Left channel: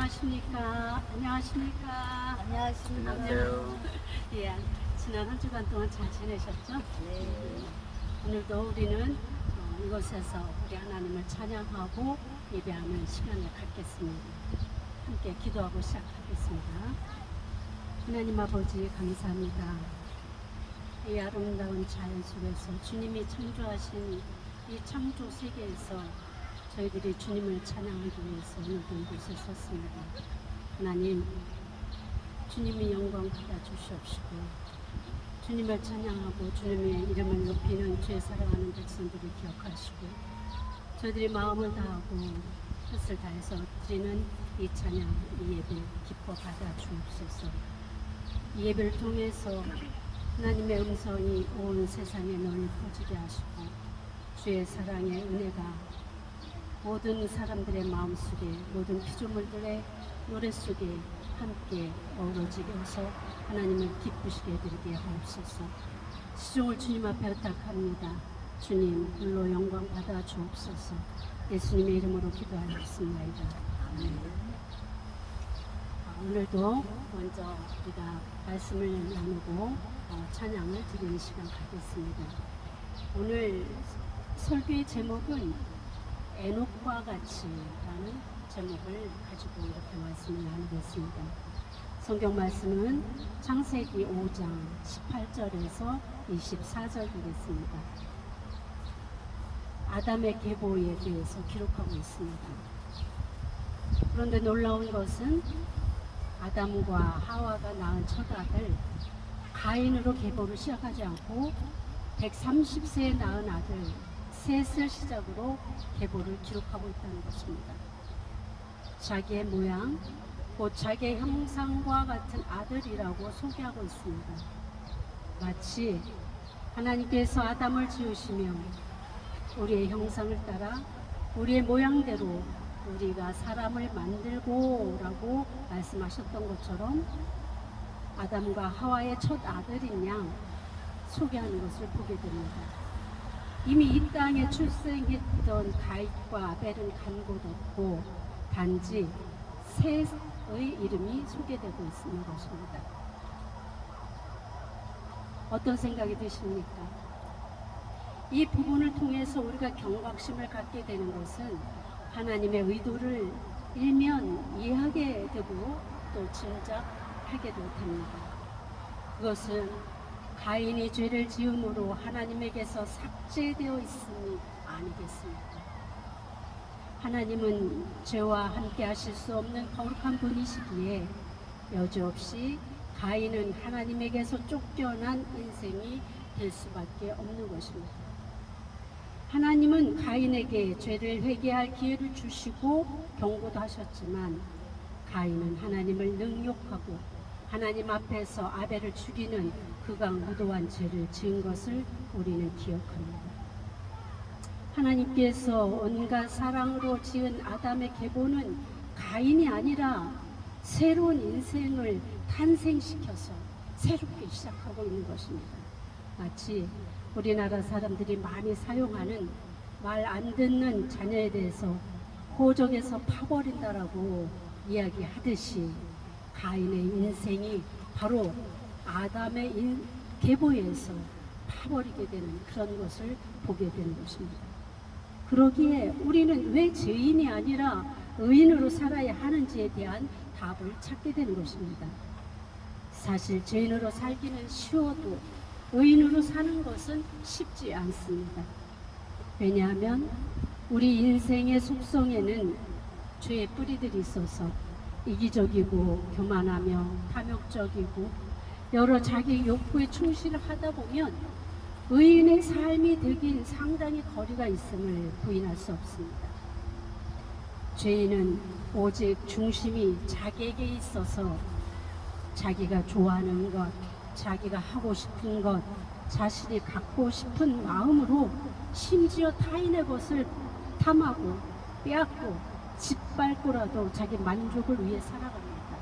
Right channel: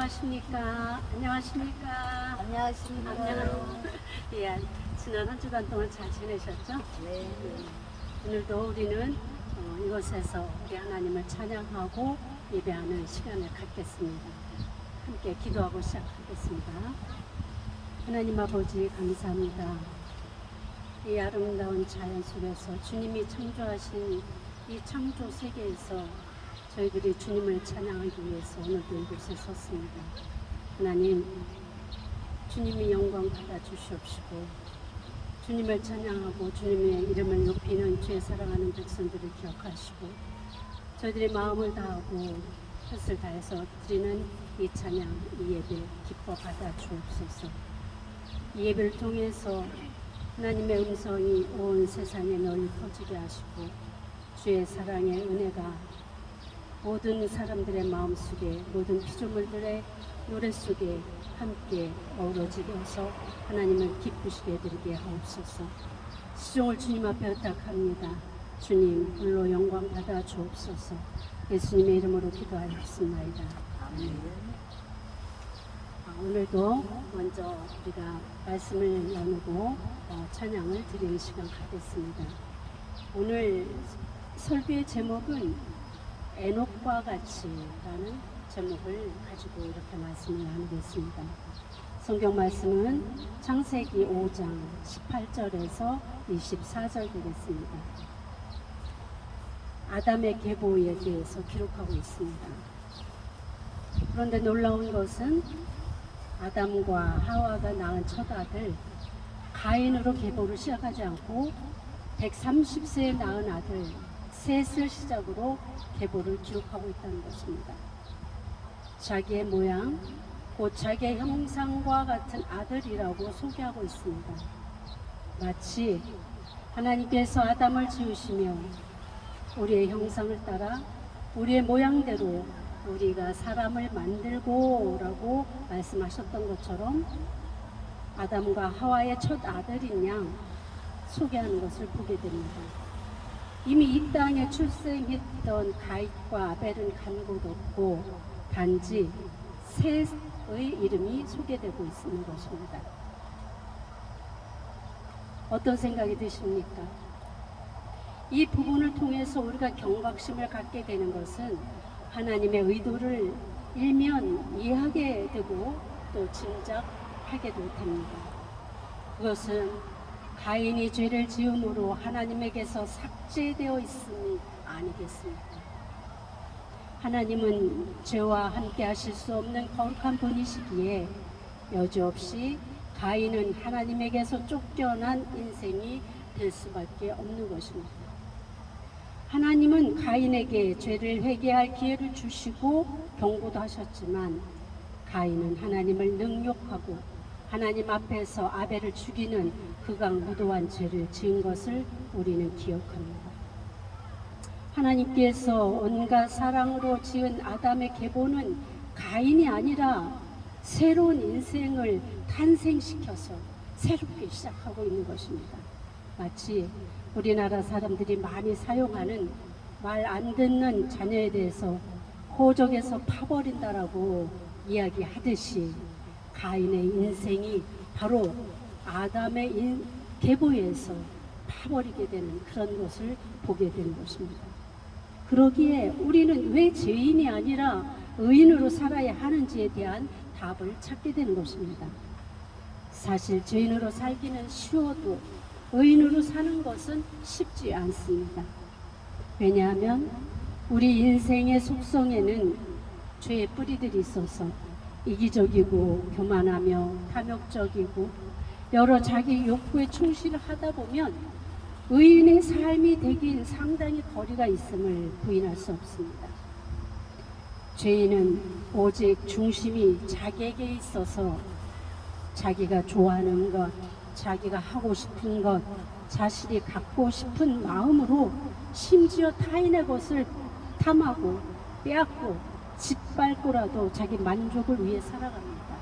안녕하십니까? 안녕하십니까? 안녕하십니까. 안녕하세요. 예, 지난 한 주간 동안 잘 지내셨죠? 네. 오늘도 우리는 이곳에서 우리 하나님을 찬양하고 예배하는 시간을 갖겠습니다. 함께 기도하고 시작하겠습니다. 하나님 아버지 감사합니다. 이 아름다운 자연 속에서 주님이 창조하신 이 창조 세계에서 저희들이 주님을 찬양하기 위해서 오늘도 이곳에 섰습니다. 하나님, 주님이 영광 받아 주시옵시고 주님을 찬양하고 주님의 이름을 높이는 주의 사랑하는 백성들을 기억하시고 저희들이 마음을 다하고 뜻을 다해서 드리는 이 찬양, 이 예배 기뻐 받아 주옵소서. 이 예배를 통해서 하나님의 음성이 온 세상에 널리 퍼지게 하시고 주의 사랑의 은혜가 모든 사람들의 마음속에 모든 피조물들의 노래 속에 함께 어우러지게 해서 하나님을 기쁘시게 해드리게 하옵소서. 시종을 주님 앞에 부탁합니다. 주님 불로 영광 받아 주옵소서. 예수님의 이름으로 기도하였습니다. 오늘도 먼저 우리가 말씀을 나누고 찬양을 드리는 시간 갖겠습니다. 오늘 설교의 제목은 에녹과 같이라는 제목을 가지고 이렇게 말씀을 나누겠습니다. 성경 말씀은 창세기 5장 18절에서 24절 되겠습니다. 아담의 계보에 대해서 기록하고 있습니다. 그런데 놀라운 것은 아담과 하와가 낳은 첫 아들 가인으로 계보를 시작하지 않고 130세에 낳은 아들 셋을 시작으로 계보를 기록하고 있다는 것입니다. 자기의 모양, 곧 자기의 형상과 같은 아들이라고 소개하고 있습니다. 마치 하나님께서 아담을 지으시며 우리의 형상을 따라 우리의 모양대로 우리가 사람을 만들고 라고 말씀하셨던 것처럼 아담과 하와의 첫 아들인 양 소개하는 것을 보게 됩니다. 이미 이 땅에 출생했던 가잇과 아벨은 간 곳 없고 단지 셋의 이름이 소개되고 있는 것입니다. 어떤 생각이 드십니까? 이 부분을 통해서 우리가 경각심을 갖게 되는 것은 하나님의 의도를 일면 이해하게 되고 또 짐작하게 될 겁니다. 그것은 가인이 죄를 지음으로 하나님에게서 삭제되어 있음이 아니겠습니까? 하나님은 죄와 함께 하실 수 없는 거룩한 분이시기에 여지없이 가인은 하나님에게서 쫓겨난 인생이 될 수밖에 없는 것입니다. 하나님은 가인에게 죄를 회개할 기회를 주시고 경고도 하셨지만 가인은 하나님을 능욕하고 하나님 앞에서 아벨을 죽이는 극악무도한 죄를 지은 것을 우리는 기억합니다. 하나님께서 온갖 사랑으로 지은 아담의 계보는 가인이 아니라 새로운 인생을 탄생시켜서 새롭게 시작하고 있는 것입니다. 마치 우리나라 사람들이 많이 사용하는 말 안 듣는 자녀에 대해서 호적에서 파버린다라고 이야기하듯이 가인의 인생이 바로 아담의 계보에서 파버리게 되는 그런 것을 보게 되는 것입니다. 그러기에 우리는 왜 죄인이 아니라 의인으로 살아야 하는지에 대한 답을 찾게 되는 것입니다. 사실 죄인으로 살기는 쉬워도 의인으로 사는 것은 쉽지 않습니다. 왜냐하면 우리 인생의 속성에는 죄의 뿌리들이 있어서 이기적이고 교만하며 탐욕적이고 여러 자기 욕구에 충실을 하다 보면 의인의 삶이 되긴 상당히 거리가 있음을 부인할 수 없습니다. 죄인은 오직 중심이 자기에게 있어서 자기가 좋아하는 것, 자기가 하고 싶은 것, 자신이 갖고 싶은 마음으로 심지어 타인의 것을 탐하고 빼앗고 짓밟고라도 자기 만족을 위해 살아갑니다.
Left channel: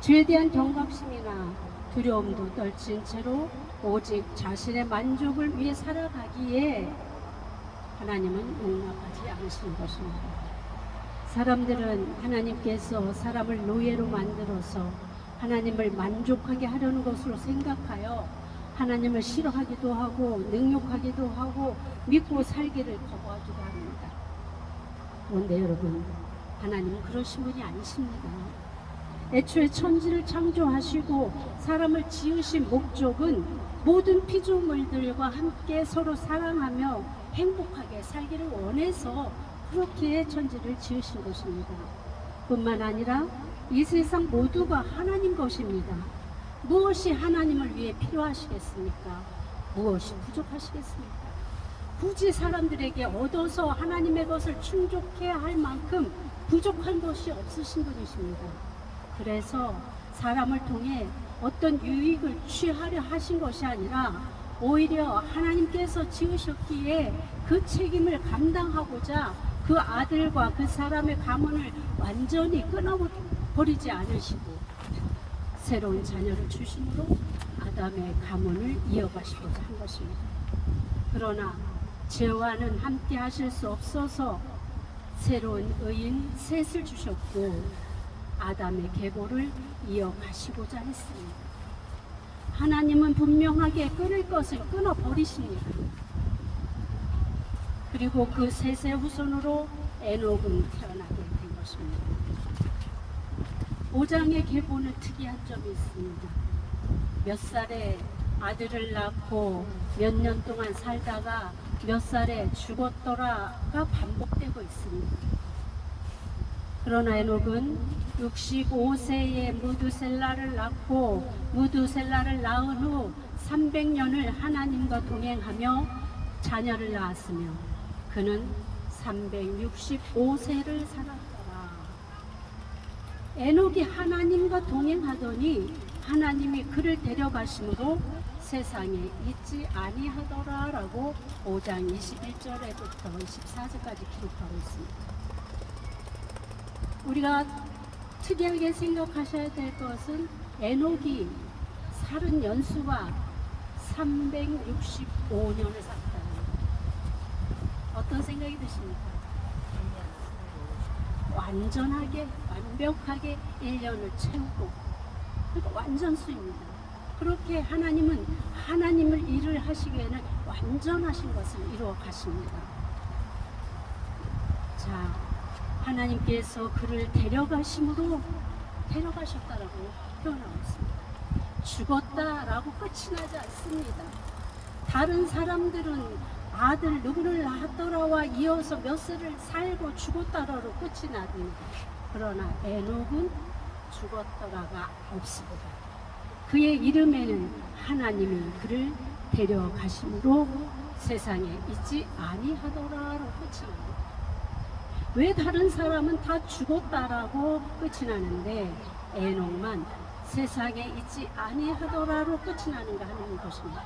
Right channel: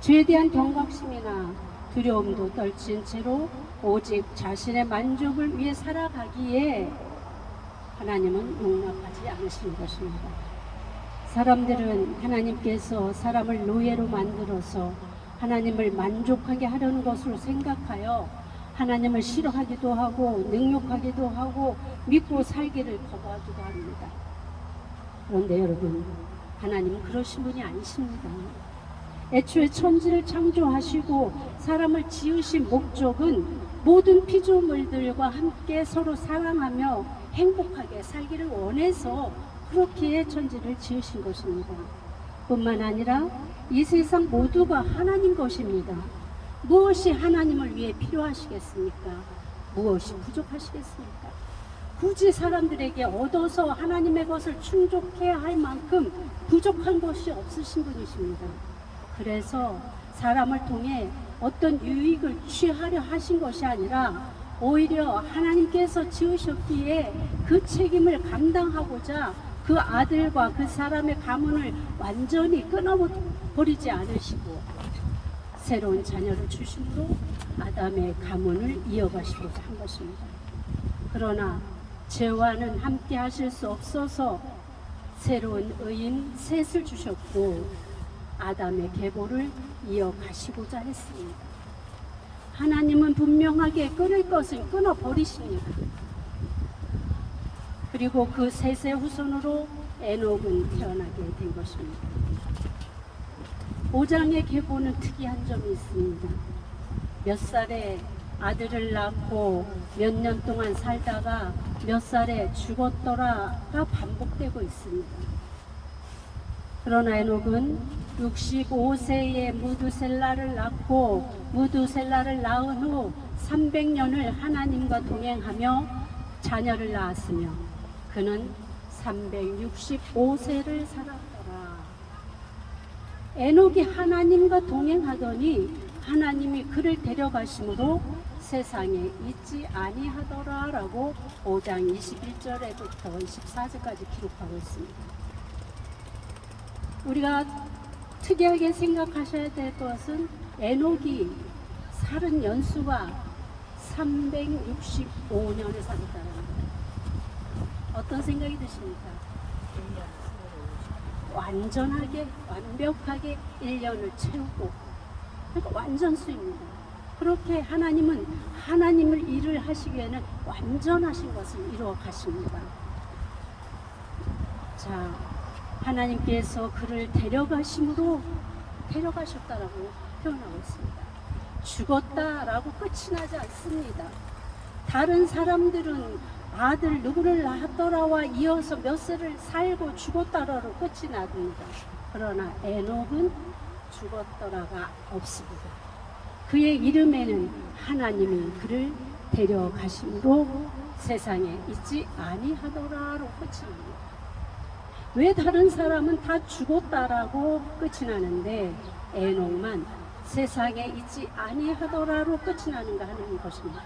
죄에 대한 경각심이나 두려움도 떨친 채로 오직 자신의 만족을 위해 살아가기에 하나님은 용납하지 않으시는 것입니다. 사람들은 하나님께서 사람을 노예로 만들어서 하나님을 만족하게 하려는 것으로 생각하여 하나님을 싫어하기도 하고 능욕하기도 하고 믿고 살기를 거부하기도 합니다. 그런데 여러분, 하나님은 그러신 분이 아니십니다. 애초에 천지를 창조하시고 사람을 지으신 목적은 모든 피조물들과 함께 서로 사랑하며 행복하게 살기를 원해서 그렇게 천지를 지으신 것입니다. 뿐만 아니라 이 세상 모두가 하나님 것입니다. 무엇이 하나님을 위해 필요하시겠습니까? 무엇이 부족하시겠습니까? 굳이 사람들에게 얻어서 하나님의 것을 충족해야 할 만큼 부족한 것이 없으신 분이십니다. 그래서 사람을 통해 어떤 유익을 취하려 하신 것이 아니라 오히려 하나님께서 지으셨기에 그 책임을 감당하고자 그 아들과 그 사람의 가문을 완전히 끊어버리지 않으시고 새로운 자녀를 주심으로 아담의 가문을 이어가시고자 한 것입니다. 그러나 죄와는 함께 하실 수 없어서 새로운 의인 셋을 주셨고 아담의 계보를 이어가시고자 했습니다. 하나님은 분명하게 끊을 것을 끊어버리십니다. 그리고 그 셋의 후손으로 에녹은 태어나게 된 것입니다. 5장의 계보는 특이한 점이 있습니다. 몇 살에 아들을 낳고 몇 년 동안 살다가 몇 살에 죽었더라가 반복되고 있습니다. 그러나 에녹은 65세에 무두셀라를 낳고 무두셀라를 낳은 후 300년을 하나님과 동행하며 자녀를 낳았으며 그는 365세를 살았더라. 에녹이 하나님과 동행하더니 하나님이 그를 데려가심으로 세상에 있지 아니하더라 라고 5장 21절에부터 24절까지 기록하고 있습니다. 우리가 특이하게 생각하셔야 될 것은 에녹이 살은 연수가 365년을 살았다는 거예요. 어떤 생각이 드십니까? 완전하게 완벽하게 1년을 채우고 그러니까 완전수입니다. 그렇게 하나님은 하나님을 일을 하시기에는 완전하신 것을 이루어 가십니다. 자, 하나님께서 그를 데려가심으로 데려가셨다라고 표현하고 있습니다. 죽었다라고 끝이 나지 않습니다. 다른 사람들은 아들 누구를 낳았더라와 이어서 몇 세를 살고 죽었다라고 끝이 납니다. 그러나 에녹은 죽었더라가 없습니다. 그의 이름에는 하나님이 그를 데려가심으로 세상에 있지 아니하더라로 끝이 납니다. 왜 다른 사람은 다 죽었다라고 끝이 나는데 에녹만 세상에 있지 아니하더라로 끝이 나는가 하는 것입니다.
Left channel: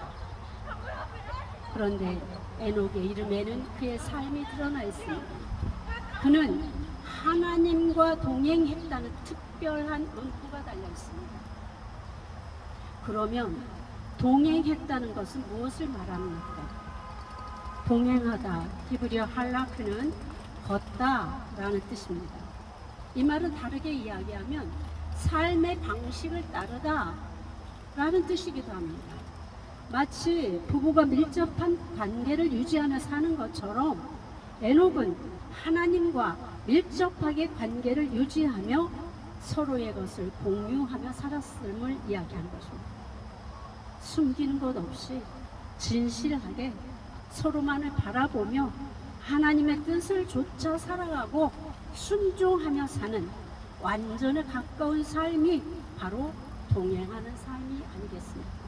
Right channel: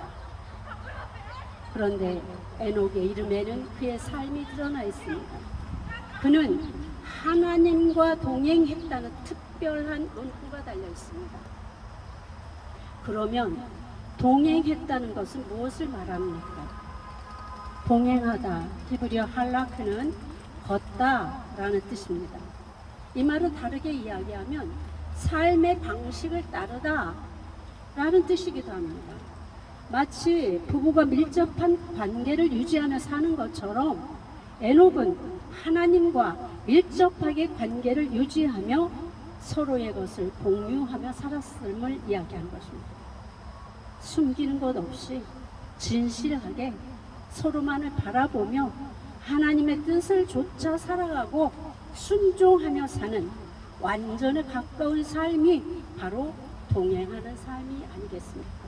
그런데 에녹의 이름에는 그의 삶이 드러나 있습니다. 그는 하나님과 동행했다는 특별한 문구가 달려 있습니다. 그러면 동행했다는 것은 무엇을 말합니까? 동행하다, 히브리어 할라크는 걷다라는 뜻입니다. 이 말은 다르게 이야기하면 삶의 방식을 따르다 라는 뜻이기도 합니다. 마치 부부가 밀접한 관계를 유지하며 사는 것처럼 에녹은 하나님과 밀접하게 관계를 유지하며 서로의 것을 공유하며 살았음을 이야기한 것입니다. 숨기는 것 없이 진실하게 서로만을 바라보며 하나님의 뜻을 좇아 살아가고 순종하며 사는 완전에 가까운 삶이 바로 동행하는 삶이 아니겠습니까?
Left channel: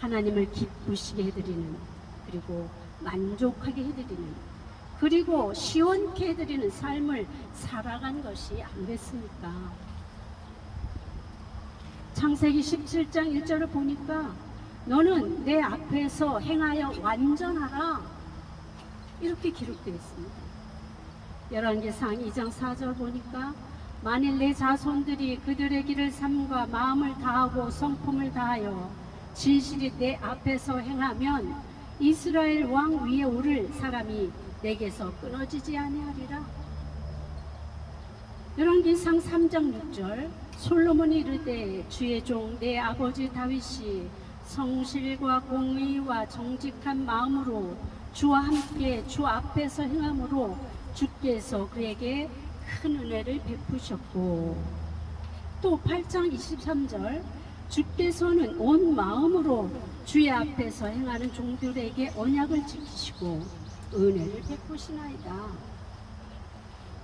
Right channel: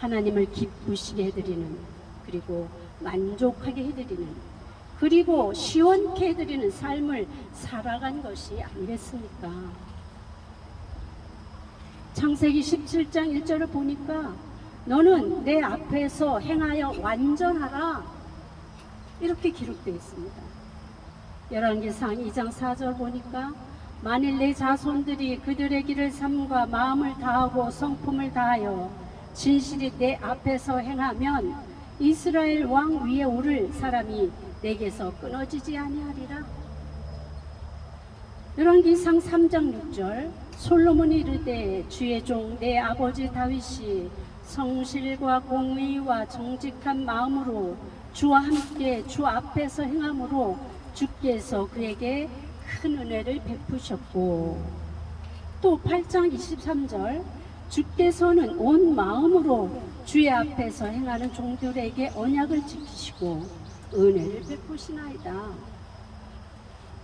하나님을 기쁘시게 해드리는, 그리고 만족하게 해드리는, 그리고 시원케 해드리는 삶을 살아간 것이 아니겠습니까? 창세기 17장 1절을 보니까 너는 내 앞에서 행하여 완전하라 이렇게 기록되어 있습니다. 열왕기상 2장 4절 보니까 만일 내 자손들이 그들의 길을 삼가 마음을 다하고 성품을 다하여 진실이 내 앞에서 행하면 이스라엘 왕 위에 오를 사람이 내게서 끊어지지 아니하리라. 열왕기상 3장 6절 솔로몬이 이르되 주의 종 내 아버지 다윗이 성실과 공의와 정직한 마음으로 주와 함께 주 앞에서 행함으로 주께서 그에게 큰 은혜를 베푸셨고, 또 8장 23절 주께서는 온 마음으로 주의 앞에서 행하는 종들에게 언약을 지키시고 은혜를 베푸시나이다.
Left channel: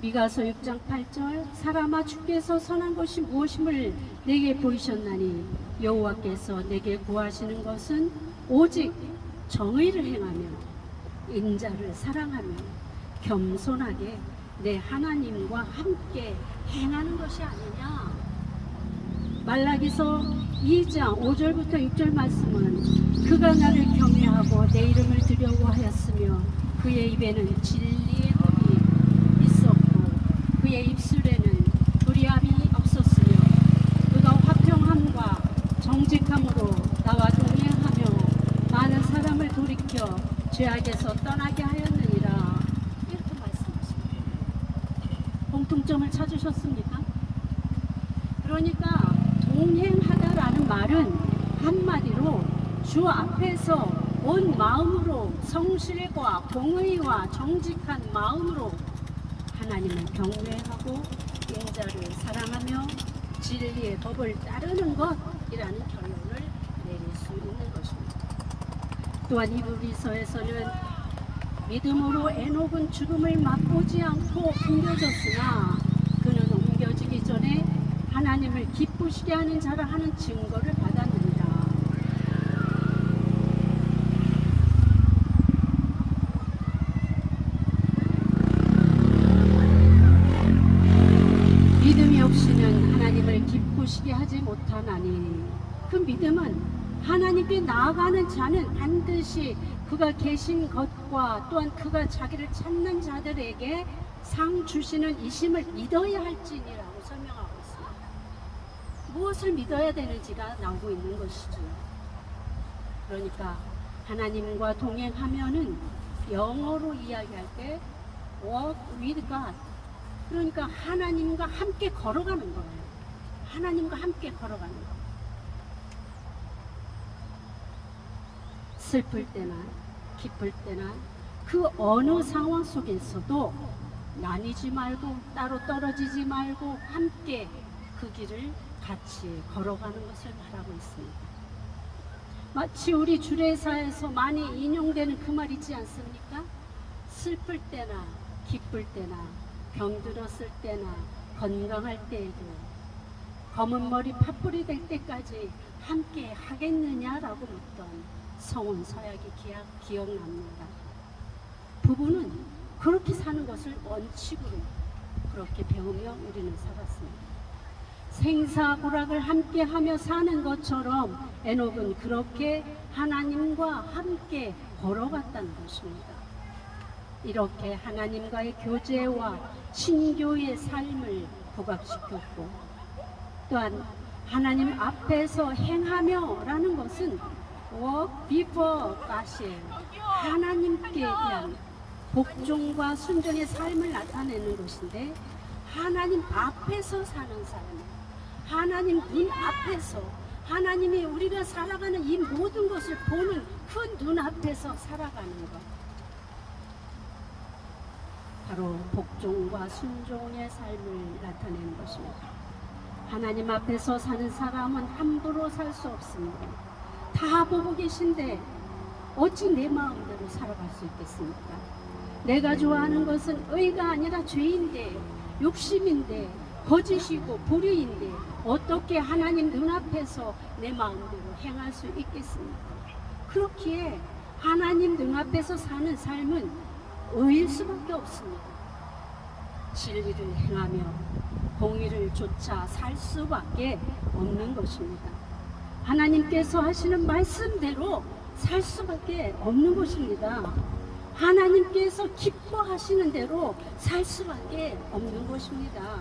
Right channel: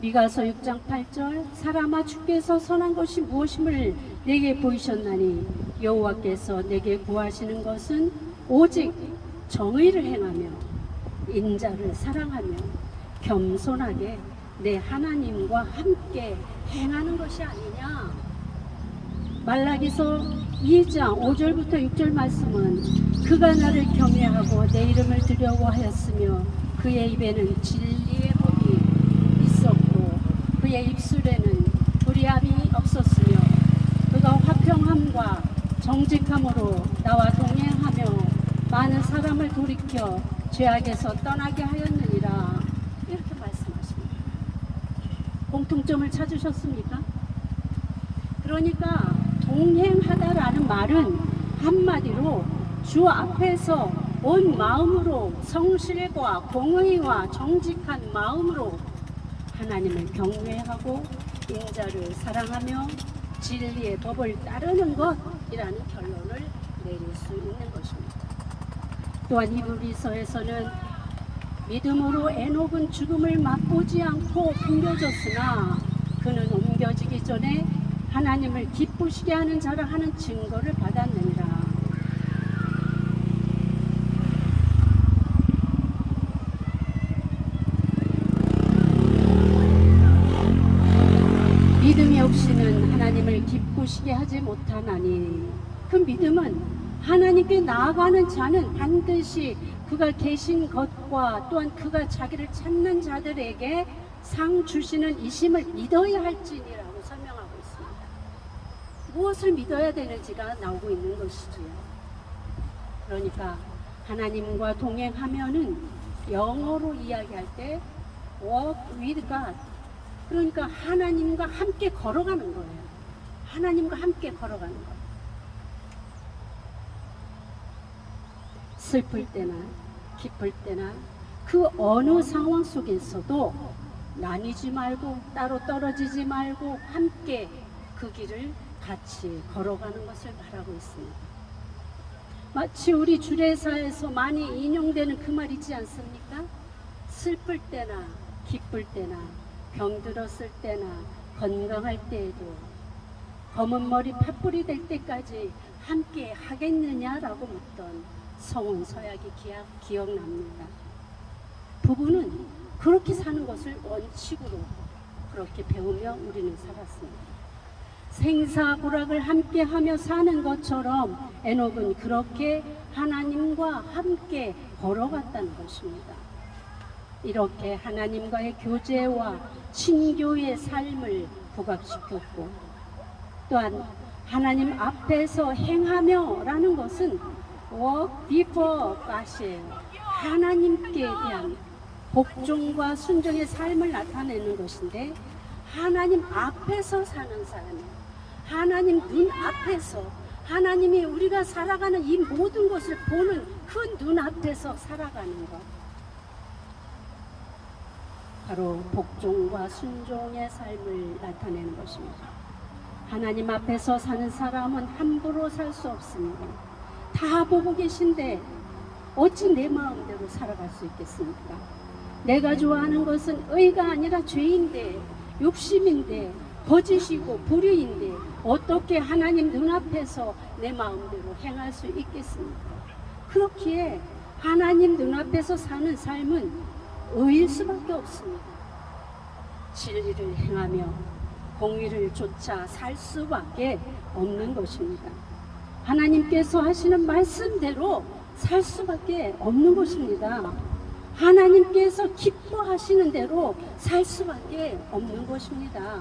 미가서 6장 8절 사람아 주께서 선한 것이 무엇임을 내게 보이셨나니 여호와께서 내게 구하시는 것은 오직 정의를 행하며 인자를 사랑하며 겸손하게 내 하나님과 함께 행하는 것이 아니냐. 말라기서 2장 5절부터 6절 말씀은 그가 나를 겸해하고 내 이름을 두려워하였으며 그의 입에는 진리의 법이 있었고 그의 입술에는 불의함이 없었으며 그가 화평함과 정직함으로 나와 동행하며 많은 사람을 돌이켜 죄악에서 떠나게 하였느니라. 이렇게 말씀하십니다. 공통점을 찾으셨습니까? 그러니까 동행하다라는 말은 한마디로 주 앞에서 온 마음으로 성실과 공의와 정직한 마음으로 하나님을 경외하고 인자를 사랑하며 진리의 법을 따르는 것이라는 결론을 내릴 수 있는 것입니다. 또한 히브리서에서는 믿음으로 에녹은 죽음을 맛보지 않고 옮겨졌으나 그는 옮겨지기 전에 하나님을 기쁘시게 하는 자라 하는 증거를 받았느니라. 믿음이 없이는 하나님을 기쁘시게 하지 못하나니 그 믿음은 하나님께 나아가는 자는 반드시 그가 계신 것과 또한 그가 자기를 찾는 자들에게 상 주시는 이심을 믿어야 할지니라고 설명하고 있습니다. 무엇을 믿어야 되는지가 나오고 있는 것이죠. 그러니까 하나님과 동행하면은 영어로 이야기할 때 walk with God, 그러니까 하나님과 함께 걸어가는 거예요. 하나님과 함께 걸어가는 거예요. 슬플 때나 기쁠 때나 그 어느 상황 속에서도 나뉘지 말고 따로 떨어지지 말고 함께 그 길을 같이 걸어가는 것을 말하고 있습니다. 마치 우리 주례사에서 많이 인용되는 그 말 있지 않습니까? 슬플 때나 기쁠 때나 병들었을 때나 건강할 때에도 검은 머리 팥불이 될 때까지 함께 하겠느냐라고 묻던 성훈 서약이 기억납니다. 부부는 그렇게 사는 것을 원칙으로 그렇게 배우며 우리는 살았습니다. 생사고락을 함께 하며 사는 것처럼 에녹은 그렇게 하나님과 함께 걸어갔다는 것입니다. 이렇게 하나님과의 교제와 친교의 삶을 부각시켰고, 또한 하나님 앞에서 행하며 라는 것은 walk before God이에요. 하나님께 대한 복종과 순종의 삶을 나타내는 것인데, 하나님 앞에서 사는 삶이에요. 하나님 눈 앞에서, 하나님이 우리가 살아가는 이 모든 것을 보는 그 눈앞에서 살아가는 것, 바로 복종과 순종의 삶을 나타내는 것입니다. 하나님 앞에서 사는 사람은 함부로 살 수 없습니다. 다 보고 계신데 어찌 내 마음대로 살아갈 수 있겠습니까? 내가 좋아하는 것은 의가 아니라 죄인데, 욕심인데, 거짓이고 불의인데 어떻게 하나님 눈앞에서 내 마음대로 행할 수 있겠습니까? 그렇기에 하나님 눈앞에서 사는 삶은 의일 수밖에 없습니다. 진리를 행하며 공의를 쫓아 살 수밖에 없는 것입니다. 하나님께서 하시는 말씀대로 살 수밖에 없는 것입니다. 하나님께서 기뻐하시는 대로 살 수밖에 없는 것입니다.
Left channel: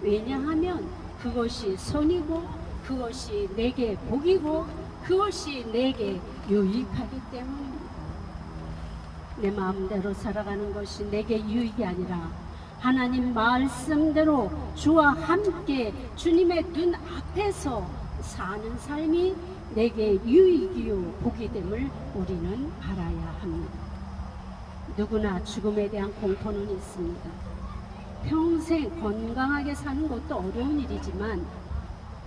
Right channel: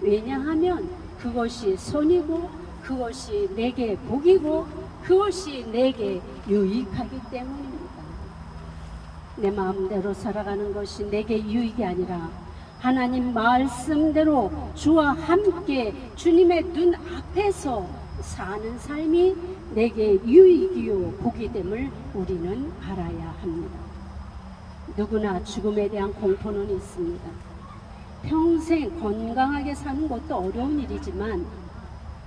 왜냐하면 그것이 선이고 그것이 내게 복이고 그것이 내게 유익하기 때문입니다. 내 마음대로 살아가는 것이 내게 유익이 아니라 하나님 말씀대로 주와 함께 주님의 눈 앞에서 사는 삶이 내게 유익이요 복이 됨을 우리는 알아야 합니다. 누구나 죽음에 대한 공포는 있습니다. 평생 건강하게 사는 것도 어려운 일이지만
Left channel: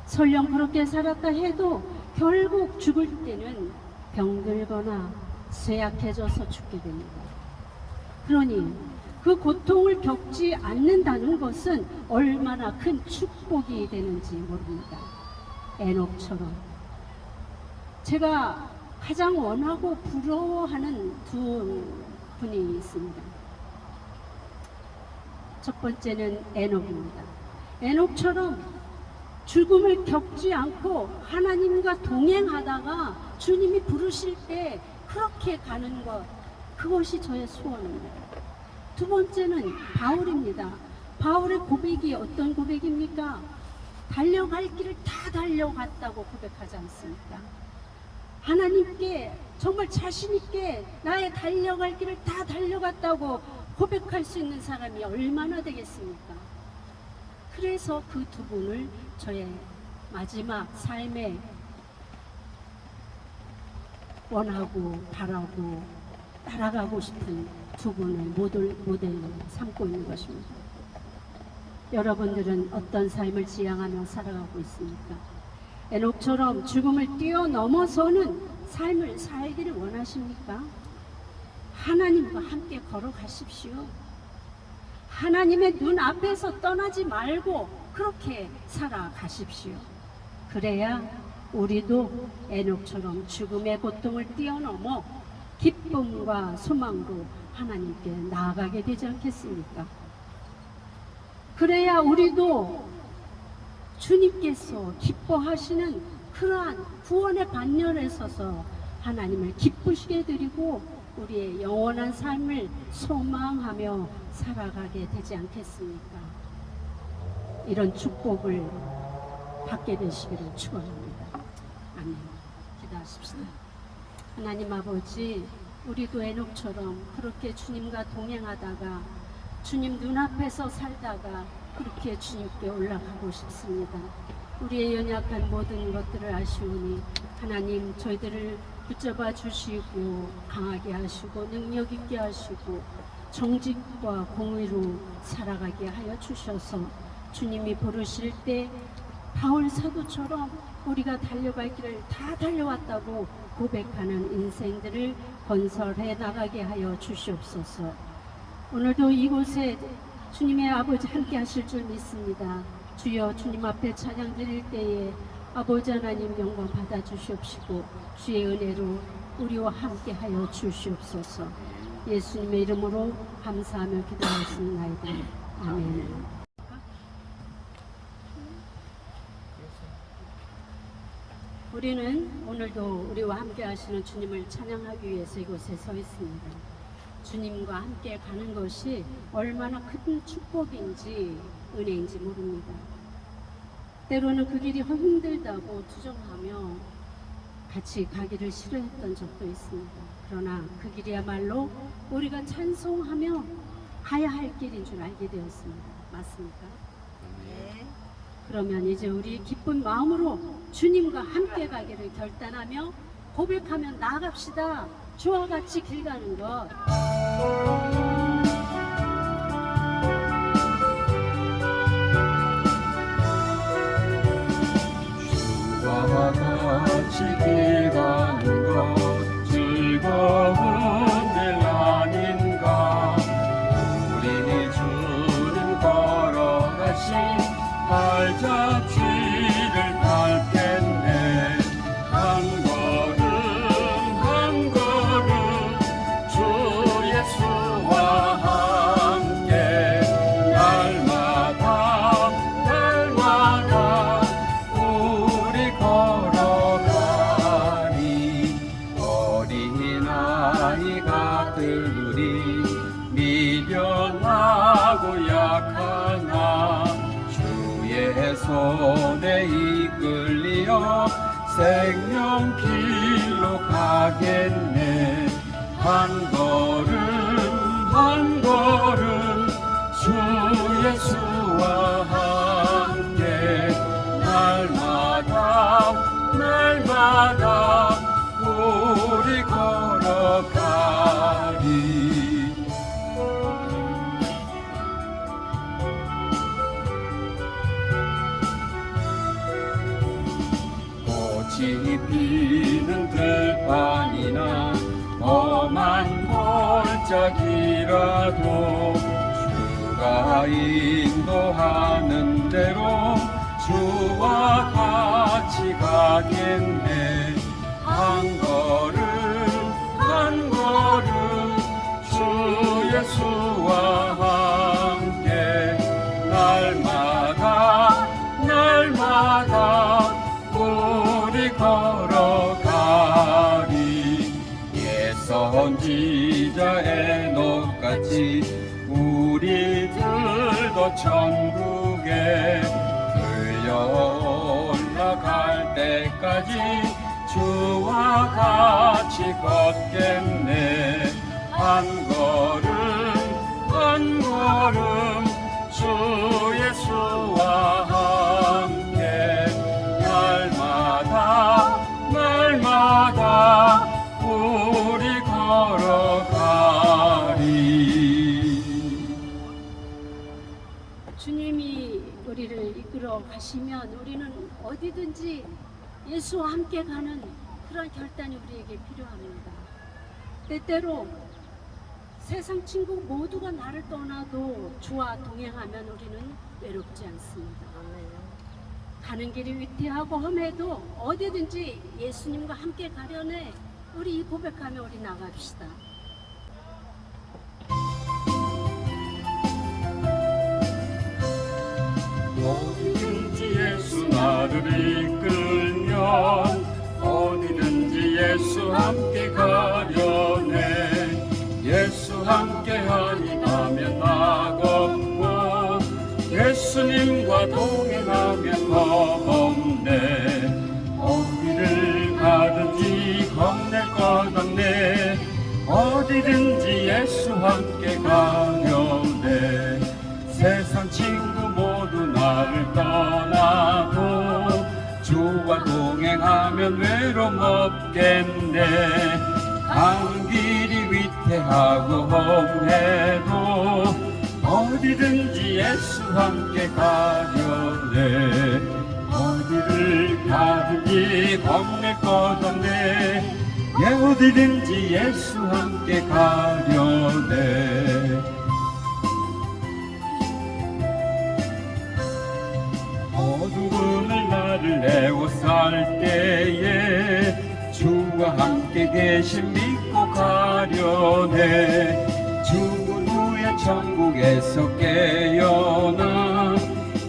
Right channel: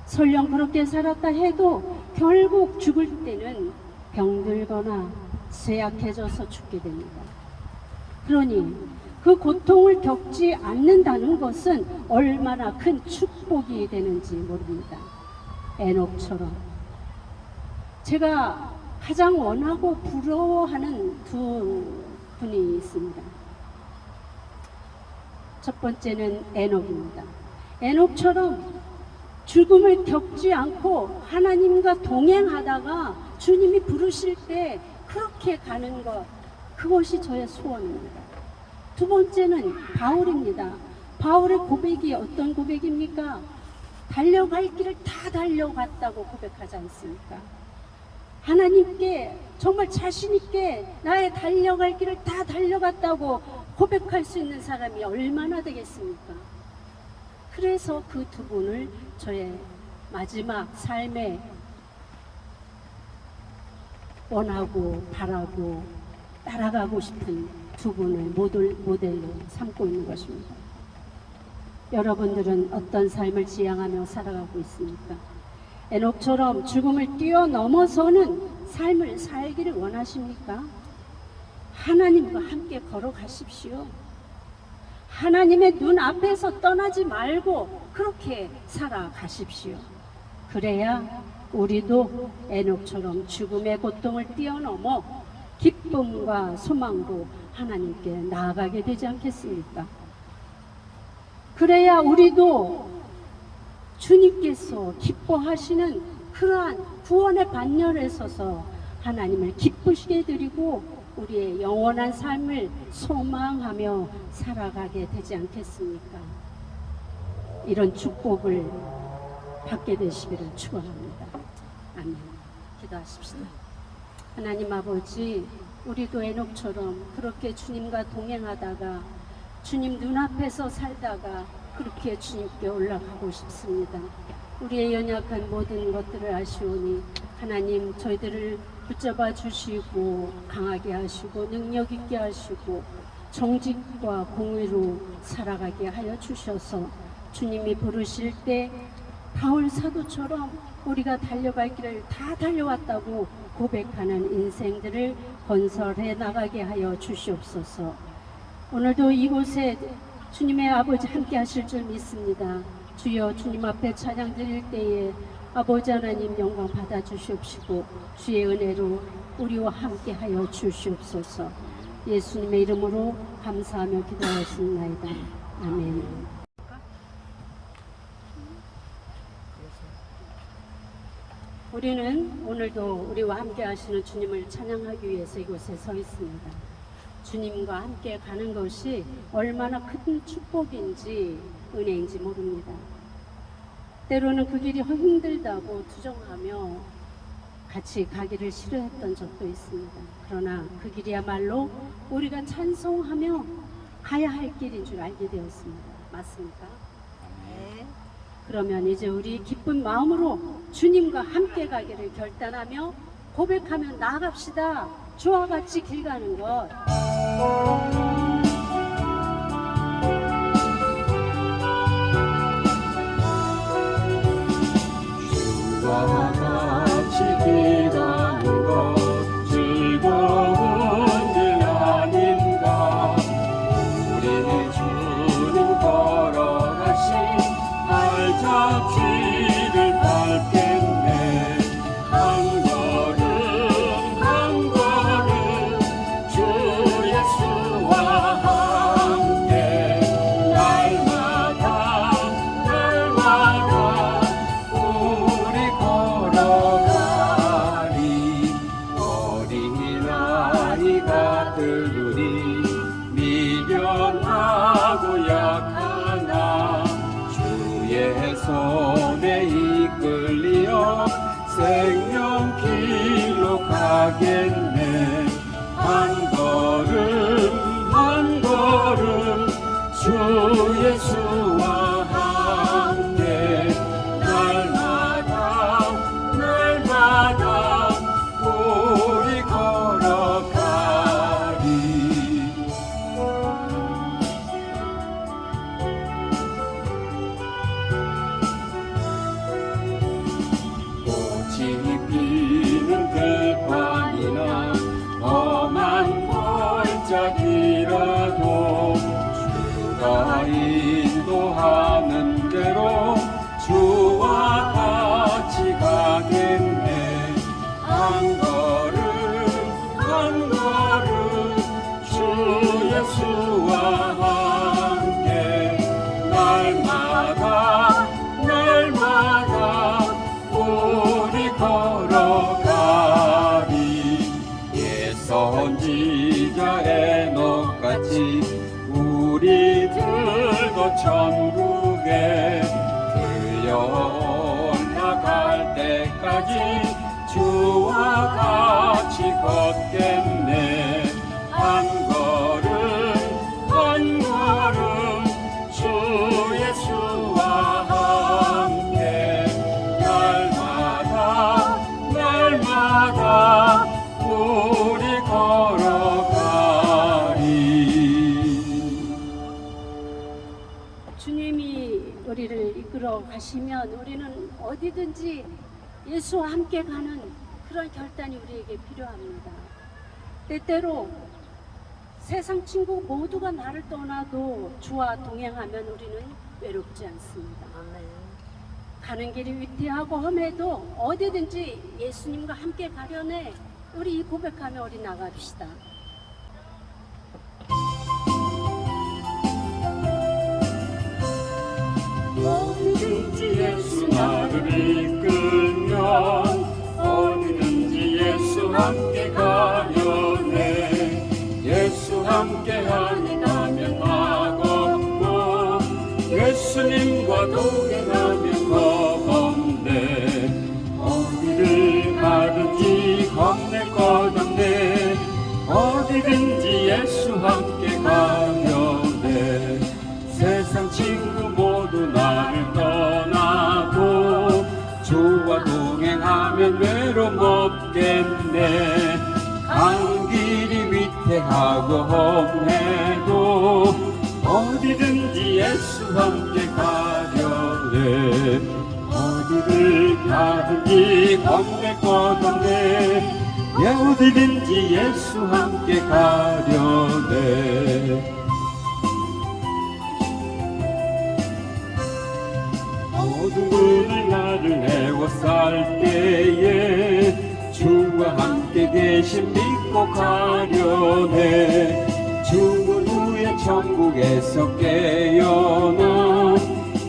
설령 그렇게 살았다 해도 결국 죽을 때는 병들거나 쇠약해져서 죽게 됩니다. 그러니 그 고통을 겪지 않는다는 것은 얼마나 큰 축복이 되는지 모릅니다. 에녹처럼 제가 가장 원하고 부러워하는 두 분이 있습니다. 첫 번째는 에녹입니다. 에녹처럼 죽음을 겪지 않고 하나님과 동행하다가 주님이 부르실 때 그렇게 가는 것, 그것이 저의 소원입니다. 두 번째는 바울입니다. 바울의 고백이 어떤 고백입니까? 달려갈 길을 다 달려갔다고 고백하지 않습니까? 하나님께 정말 자신 있게 나의 달려갈 길을 다 달려갔다고 고백할 수 있는 사람이 얼마나 되겠습니까? 그래서 그 두 분을 저의 마지막 삶에 원하고 바라고 따라가고 싶은 두 분을 모델로 삼고 있는 것입니다. 여러분들은 어떤 삶을 지향하며 살아가고 있습니까? 에녹처럼 죽음을 뛰어넘어서는 삶을 살기를 원하십니까? 하나님과 함께 걸어가십시오. 하나님의 눈 앞에서 떠나지 말고 그렇게 살아가십시오. 그래야 우리도 에녹처럼 죽음의 고통을 뛰어넘어 기쁨과 소망으로 하나님께 나아가게 되지 않겠습니까? 그래야 우리도 주님께서 기뻐하시는 그러한 구원의 반열에 서서 하나님을 기쁘시게 드리고 우리의 영원한 삶을 소망하며 살아가게 되지 않겠습니까? 이런 축복을 받게 되시기를 축원합니다. 아멘. 기도하십시다. 하나님 아버지, 우리도 에녹처럼 그렇게 주님과 동행하다가 주님 눈앞에서 살다가 그렇게 주님께 올라가고 싶습니다. 우리의 연약한 모든 것들을 아시오니 하나님 저희들을 붙잡아 주시고 강하게 하시고 능력 있게 하시고 정직과 공의로 살아가게 하여 주셔서 주님이 부르실 때 바울 사도처럼 우리가 달려갈 길을 다 달려왔다고 고백하는 인생들을 건설해 나가게 하여 주시옵소서. 오늘도 이곳에 주님의 아버지 함께 하실 줄 믿습니다. 주여, 주님 앞에 찬양 드릴 때에 아버지 하나님 영광 받아 주시옵시고 주의 은혜로 우리와 함께 하여 주시옵소서. 예수님의 이름으로 감사하며 기도하였습니다. 아멘. 우리는 오늘도 우리와 함께 하시는 주님을 찬양하기 위해서 이곳에 서 있습니다. 주님과 함께 가는 것이 얼마나 큰 축복인지 은혜인지 모릅니다. 때로는 그 길이 힘들다고 투정하며 같이 가기를 싫어했던 적도 있습니다. 그러나 그 길이야말로 우리가 찬송하며 가야 할 길인 줄 알게 되었습니다. 맞습니까? 네. 그러면 이제 우리 기쁜 마음으로 주님과 함께 가기를 결단하며 고백하며 나아갑시다. 주와 같이 길 가는 것. 주와 같이 길 가는 것 즐거운 일 아닌가. 우리 주님 걸어가신 발자취를 밟겠네. 한 걸음 한 걸음 주 예수와 함께 날마다 날마다 우리 걸어가리. 어린아이 같은 우리 미련하고 약하나 주의 손에 이끌리어 생명길로 가겠네. 한 걸음 한 걸음 주 예수와 함께 날마다 날마다 우리 걸어가리. 꽃이 피는 들판이나 험한 골짜기라도 주가 인도하는 대로 주와 같이 가겠네. 한 걸음 한 걸음 주 예수와 함께 날마다 날마다 우리 걸어가리. 옛 선지자 에녹같이 우리들도 천국에 들려 올라갈 때까지 주와 같이 걷겠네. 한 걸음 한 걸음 주 예수와 함께 날마다 날마다 우리 걸어가리. 주님이 우리를 이끌어 가시면 우리는 어디든지 예수와 함께 가는 그런 결단이 우리에게 필요합니다. 때때로 세상 친구 모두가 나를 떠나도 주와 동행하면 우리는 외롭지 않습니다. 가는 길이 위태하고 험해도 어디든지 예수님과 함께 가려네. 우리 이 고백하며 우리 나갑시다. 어디든지 예수 나를 이끌면 어디든지 예수 함께 가려네. 예수 함께 하니 가면 막없고 예수님과 동행하면 겁없네. 어디를 가든지 겁낼 것 없네. 어디든지 예수 함께 가려네. 세상 친구 모두 나를 떠나도 주와 동행하면 외로움 없겠네. 가는 길이 위태하고 험해도 어디든지 예수 함께 가려네. 어디를 가든지 겁낼 것 없네. 어디든지 예수 함께 가려네. 어두운 나를 애워쌀 때에 주와 함께 계신 믿고 가려네. 죽은 후에 천국에서 깨어나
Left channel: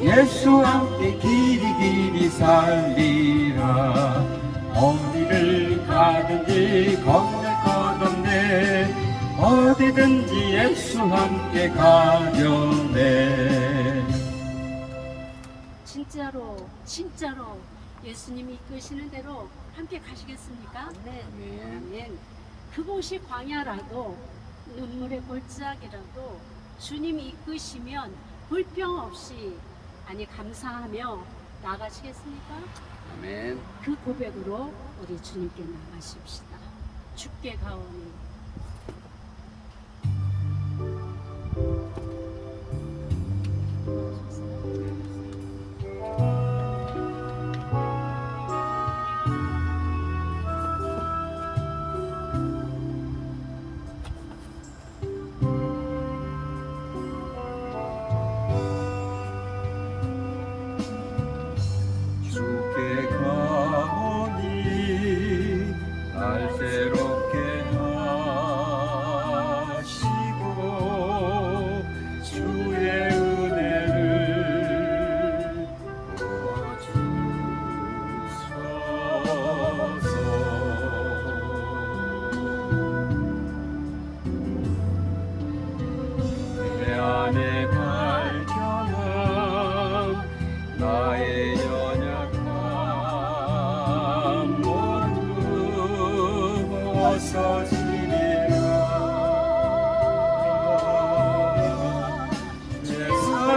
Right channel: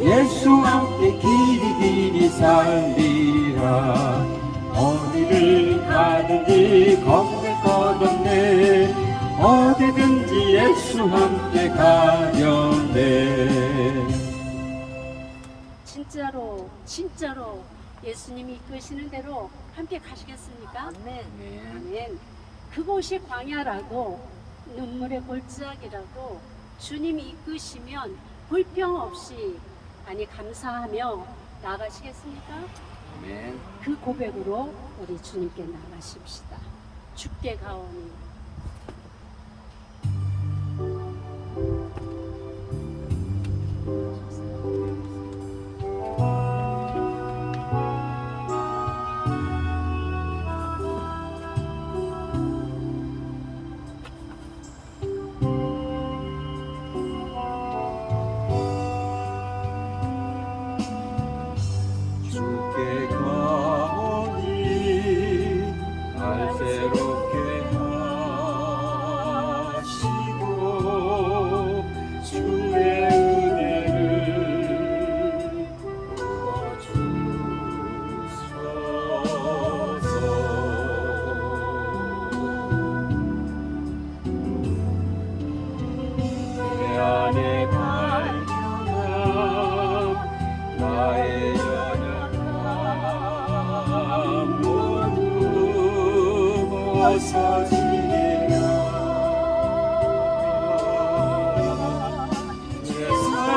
예수 함께 길이 살리라. 어디를 가든지 겁낼 것 없네. 어디든지 예수 함께 가려네. 진짜로 예수님이 이끄시는 대로 함께 가시겠습니까? 아멘. 그곳이 광야라도 눈물의 골짜기라도 주님이 이끄시면 불평 없이 감사하며 나가시겠습니까? 아멘. 그 고백으로 우리 주님께 나가십시다. 주께 가오니 주께 가오니 날 새롭게 하시고 주의 은혜를 부어주소서. 내 안에 발견한 나의 연약함 모두 벗어지리라. 내 삶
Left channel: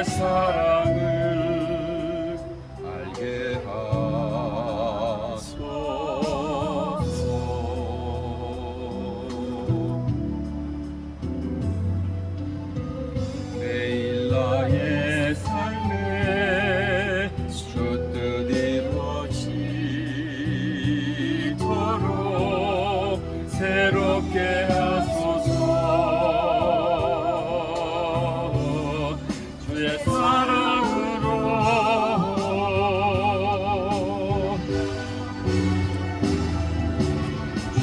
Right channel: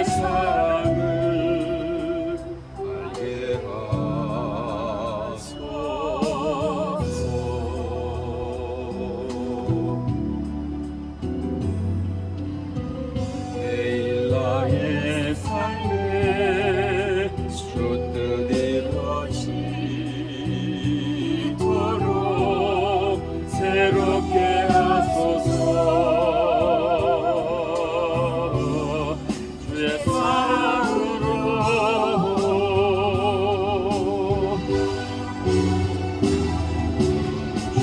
주의 사랑을 알게 하소서. 매일 나의 삶에 주 뜻 이루어지도록 새롭게 하소서. 주의 사랑으로 주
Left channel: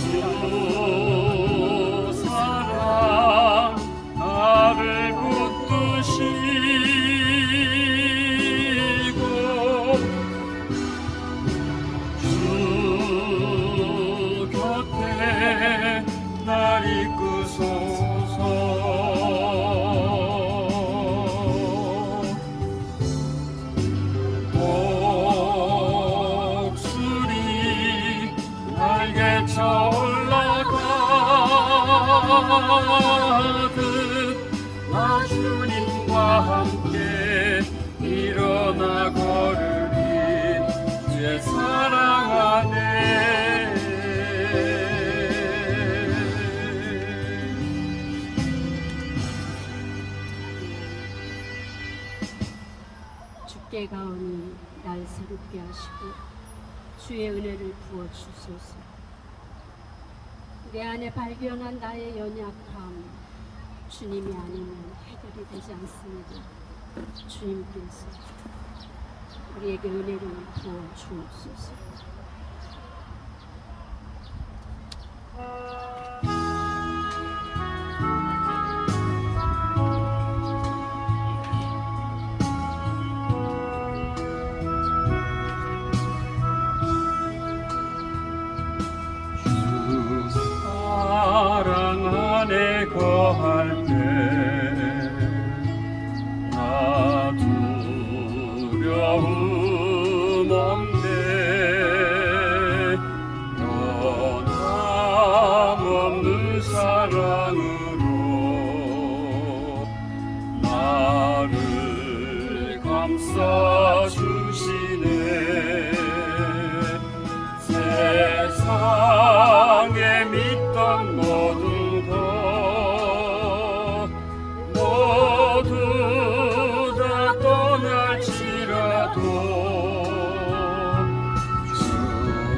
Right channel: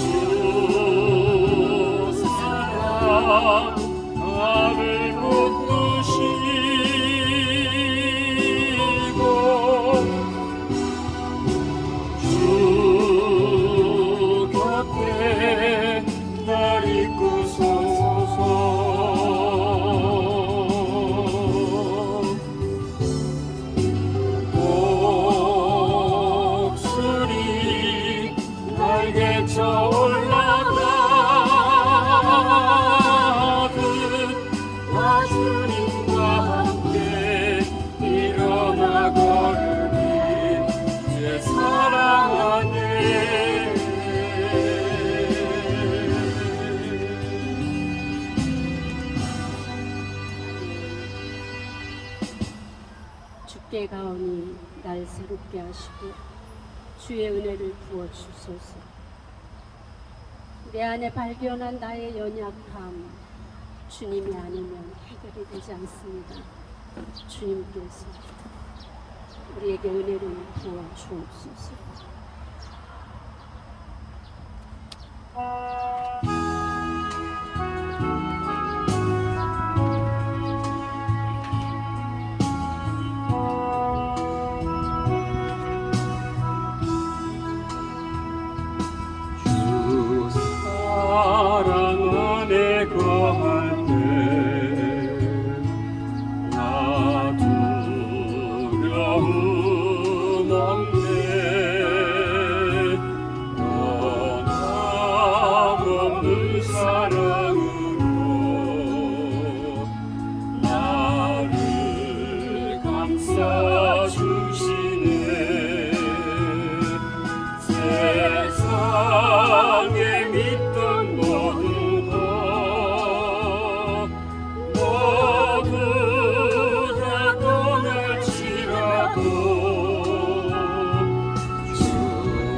사랑 나를 붙드시고 주 곁에 날 이끄소서. 목소리 날개쳐 올라가듯 나 주님과 함께 일어나 걸으리 주의 사랑 안에. 주께 가오니 날 새롭게 하시고 주의 은혜를 부어 주소서. 내 안에 발견한 나의 연약함 주님이 아니면 해결이 되지 않습니다. 주님께서 우리에게 은혜를 부어 주옵소서. 주 사랑 안에 거할 때 나 두려움 없네. 변함없는 사랑으로 나를 감싸 주시네. 세상에 믿던 모든 것 모두 다 떠날지라도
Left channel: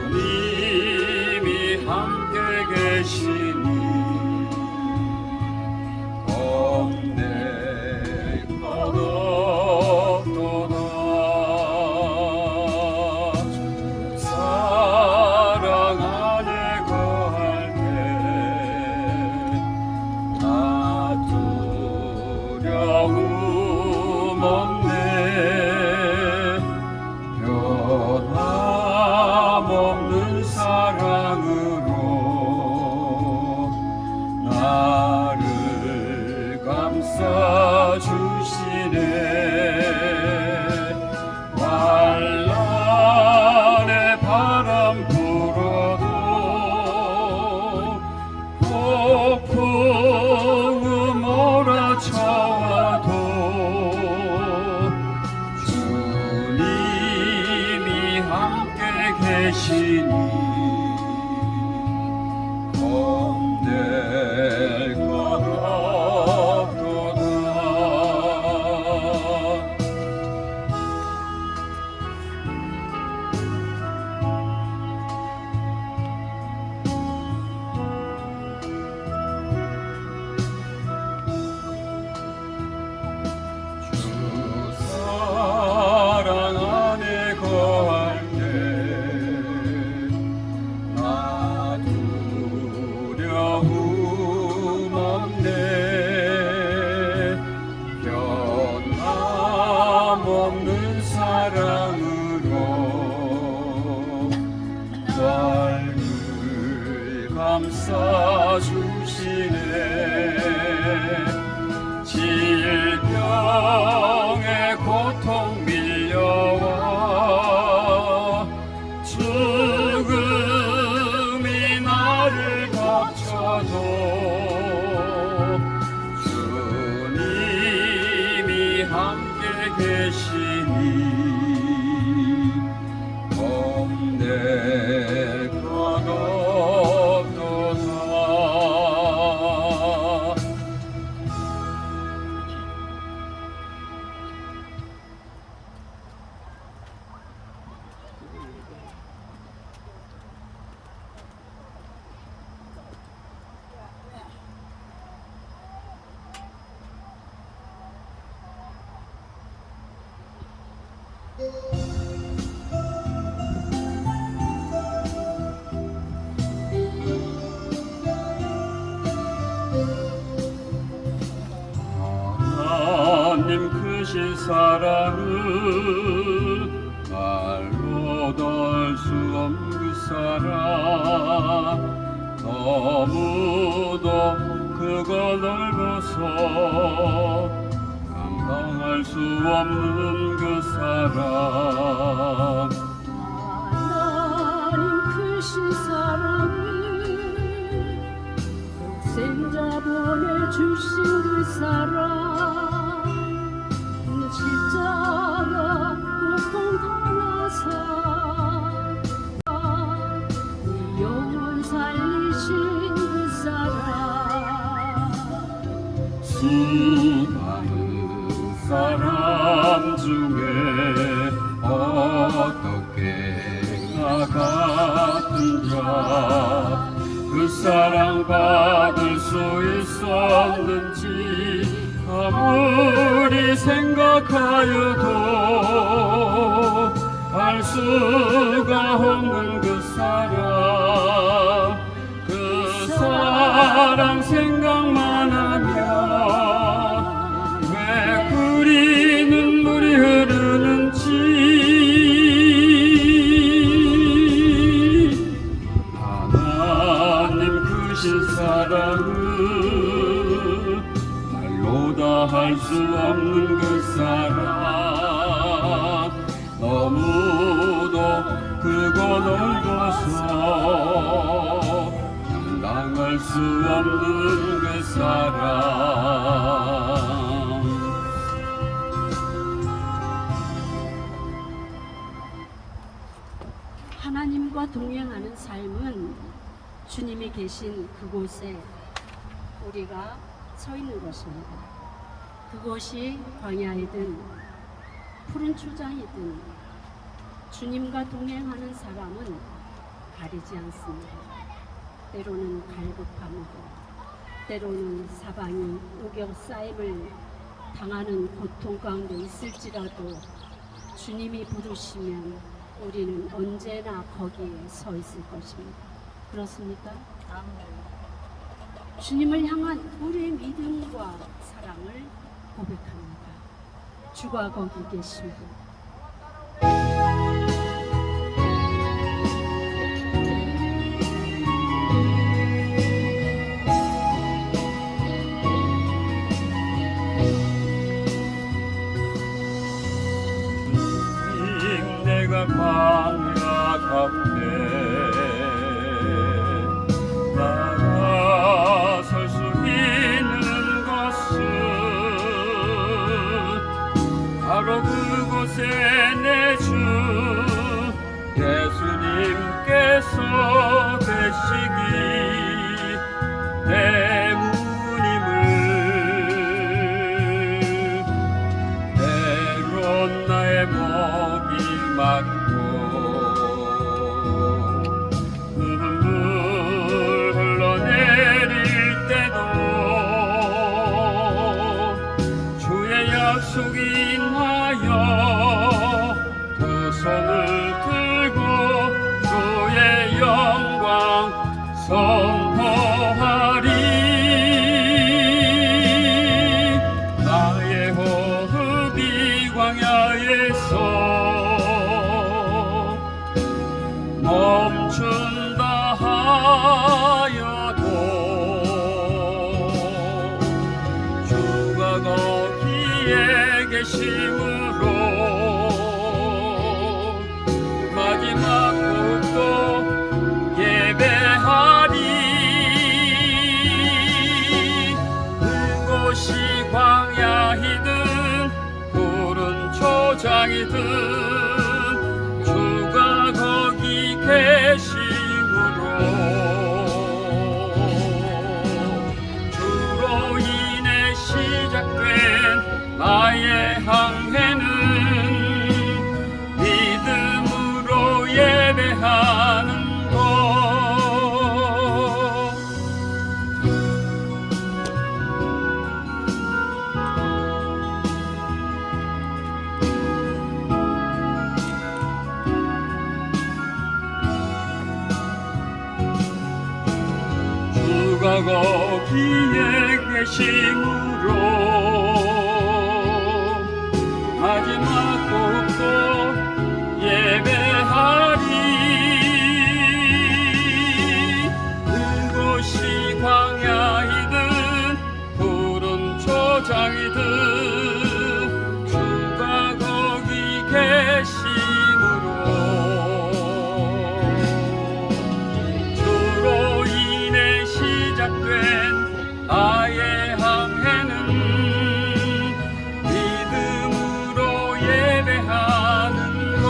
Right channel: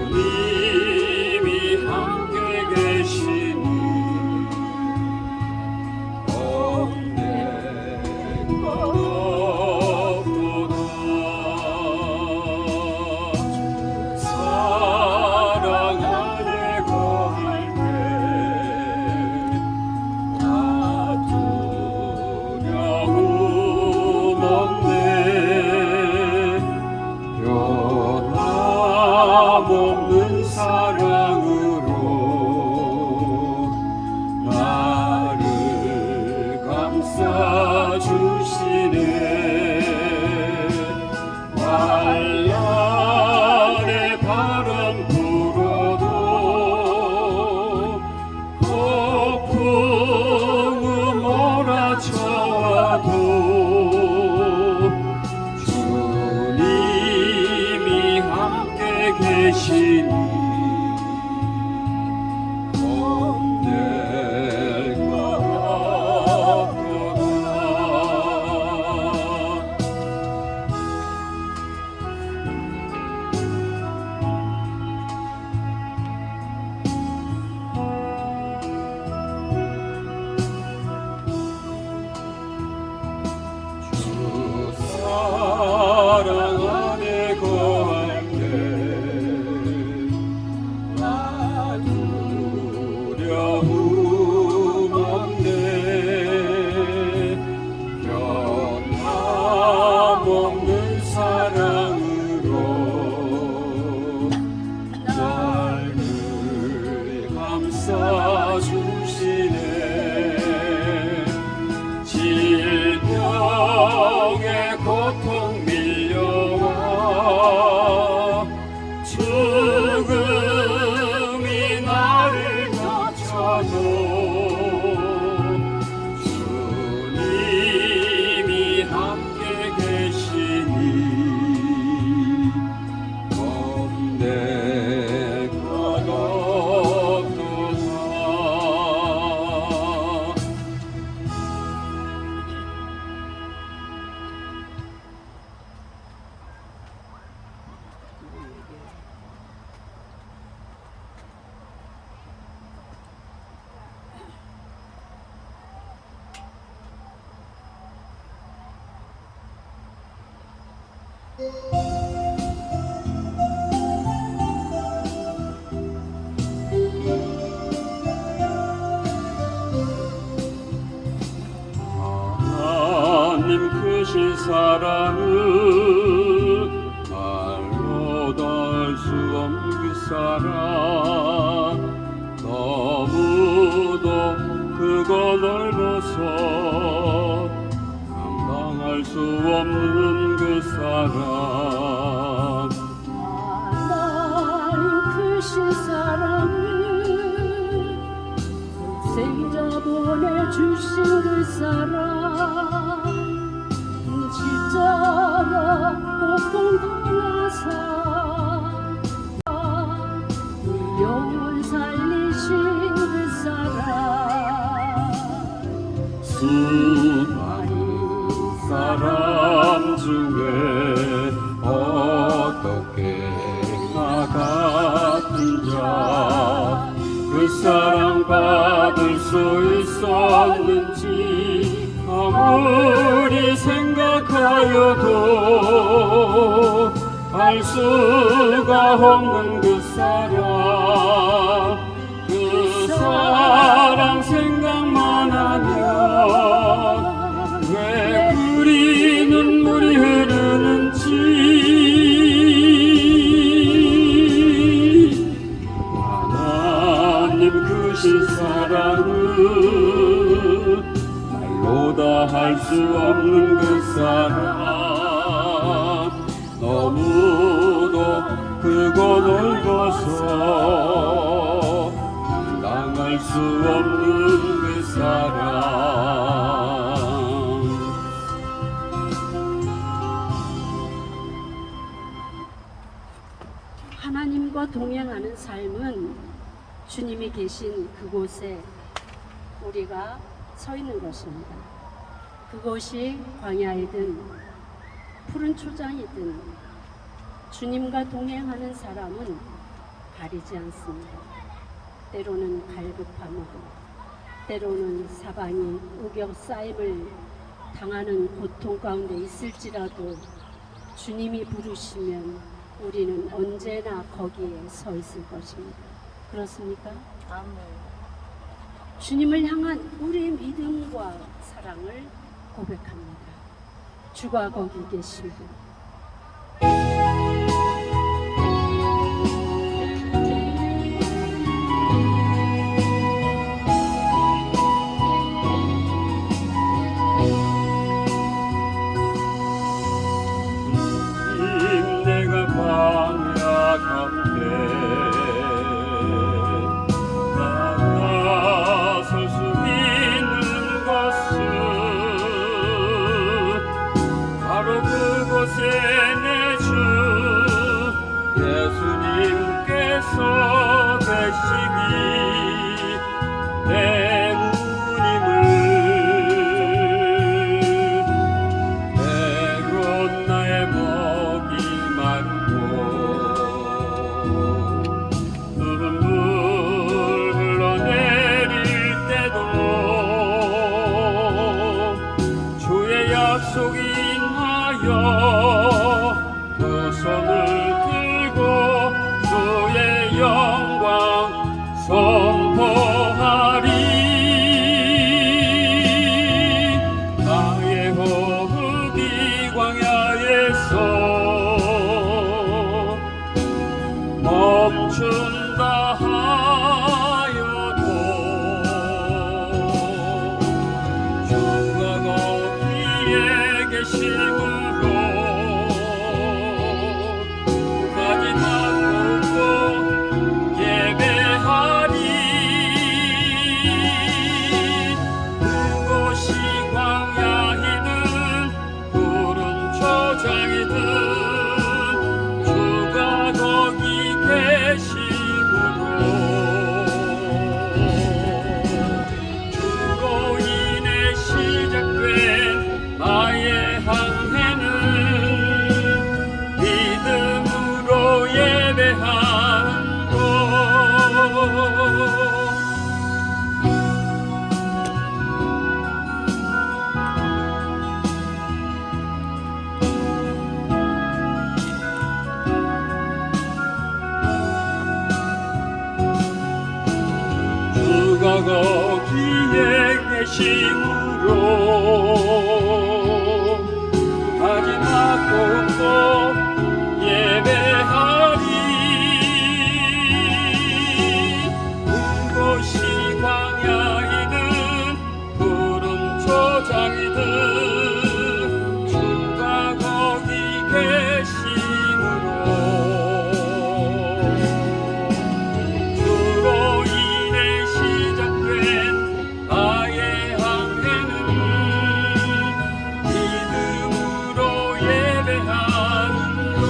주님이 함께 계시니 겁낼 것 없도다. 사랑 안에 거할 때 나 두려움 없네. 변함없는 사랑으로 나를 감싸 주시네. 환란의 바람 불어도 폭풍은 몰아쳐도 주님이 함께 계시니 겁낼 것 없도다. 주 사랑 안에 거할 때 나 두려움 없네. 변함없는 사랑으로 나를 감싸 주시네. 질병의 고통 밀려와 죽음이 나를 덮쳐도 주님이 함께 계시니 겁내가 없도다. 하나님 크신 사랑은 말로도 할 수 없는 그 사랑, 너무도 크고 넓어서 감당할 수 없는 그 사랑. 하나님 크신 사랑을 생자 보내주신 그 사랑, 십자가 고통 당하사 영혼 살리신 그 사랑. 수많은 사람 중에 어떻게 나 같은 자 그 사랑 받을 수 있었는지 아무리 생각하여도 알 수가 없는 그 사랑 생각만 하면 왜 그리 눈물이 흐르는지. 하나님 크신 사랑은 말로 다 할 수 없는 그 사랑, 너무도 크고 넓어서 감당할 수 없는 그 사랑. 하나님과 동행하는 삶은 주님이 계신 그곳에 우리가 서 있는 것입니다. 그곳이 광야이든 푸른 초장이든 주님과 동행하는 사람은 가리지 않습니다. 때로는 갈급함으로, 때로는 사방이 우겨싸임을 당하는 고통 가운데 있을지라도 주님이 부르시면 우리는 언제나 거기에 서 있을 것입니다. 그렇습니까? 아멘. 주님을 향한 우리의 믿음과 사랑을 고백합니다. 주가 거기 계시고 내가 광야 가운데 나아설 수 있는 것은 바로 그곳에 내 주 예수님께서 계시기 때문임을. 때론 나의 목이 마르고 눈물 흘러내릴 때도 주의 약속이 인하여 두 손을 들고 주의 영광 선포하리. 나의 호흡이 광야에서 멈춘다 하여도 주가 거기에 계심으로 마지막 곡도 예배하리. 그곳이 광야이든 푸른 초 초장이든 주가 거기 계심으로 주로 인해 시작된 나의 항해는 믿음으로 예배하는 것. 주가 거기에 계심으로 마지막 곡도 예배하리. 그곳이 광야이든 푸른 초장이든 주가 거기 계심으로 주로 인해 시작된 나의 항해는 믿음으로 예배하는 것.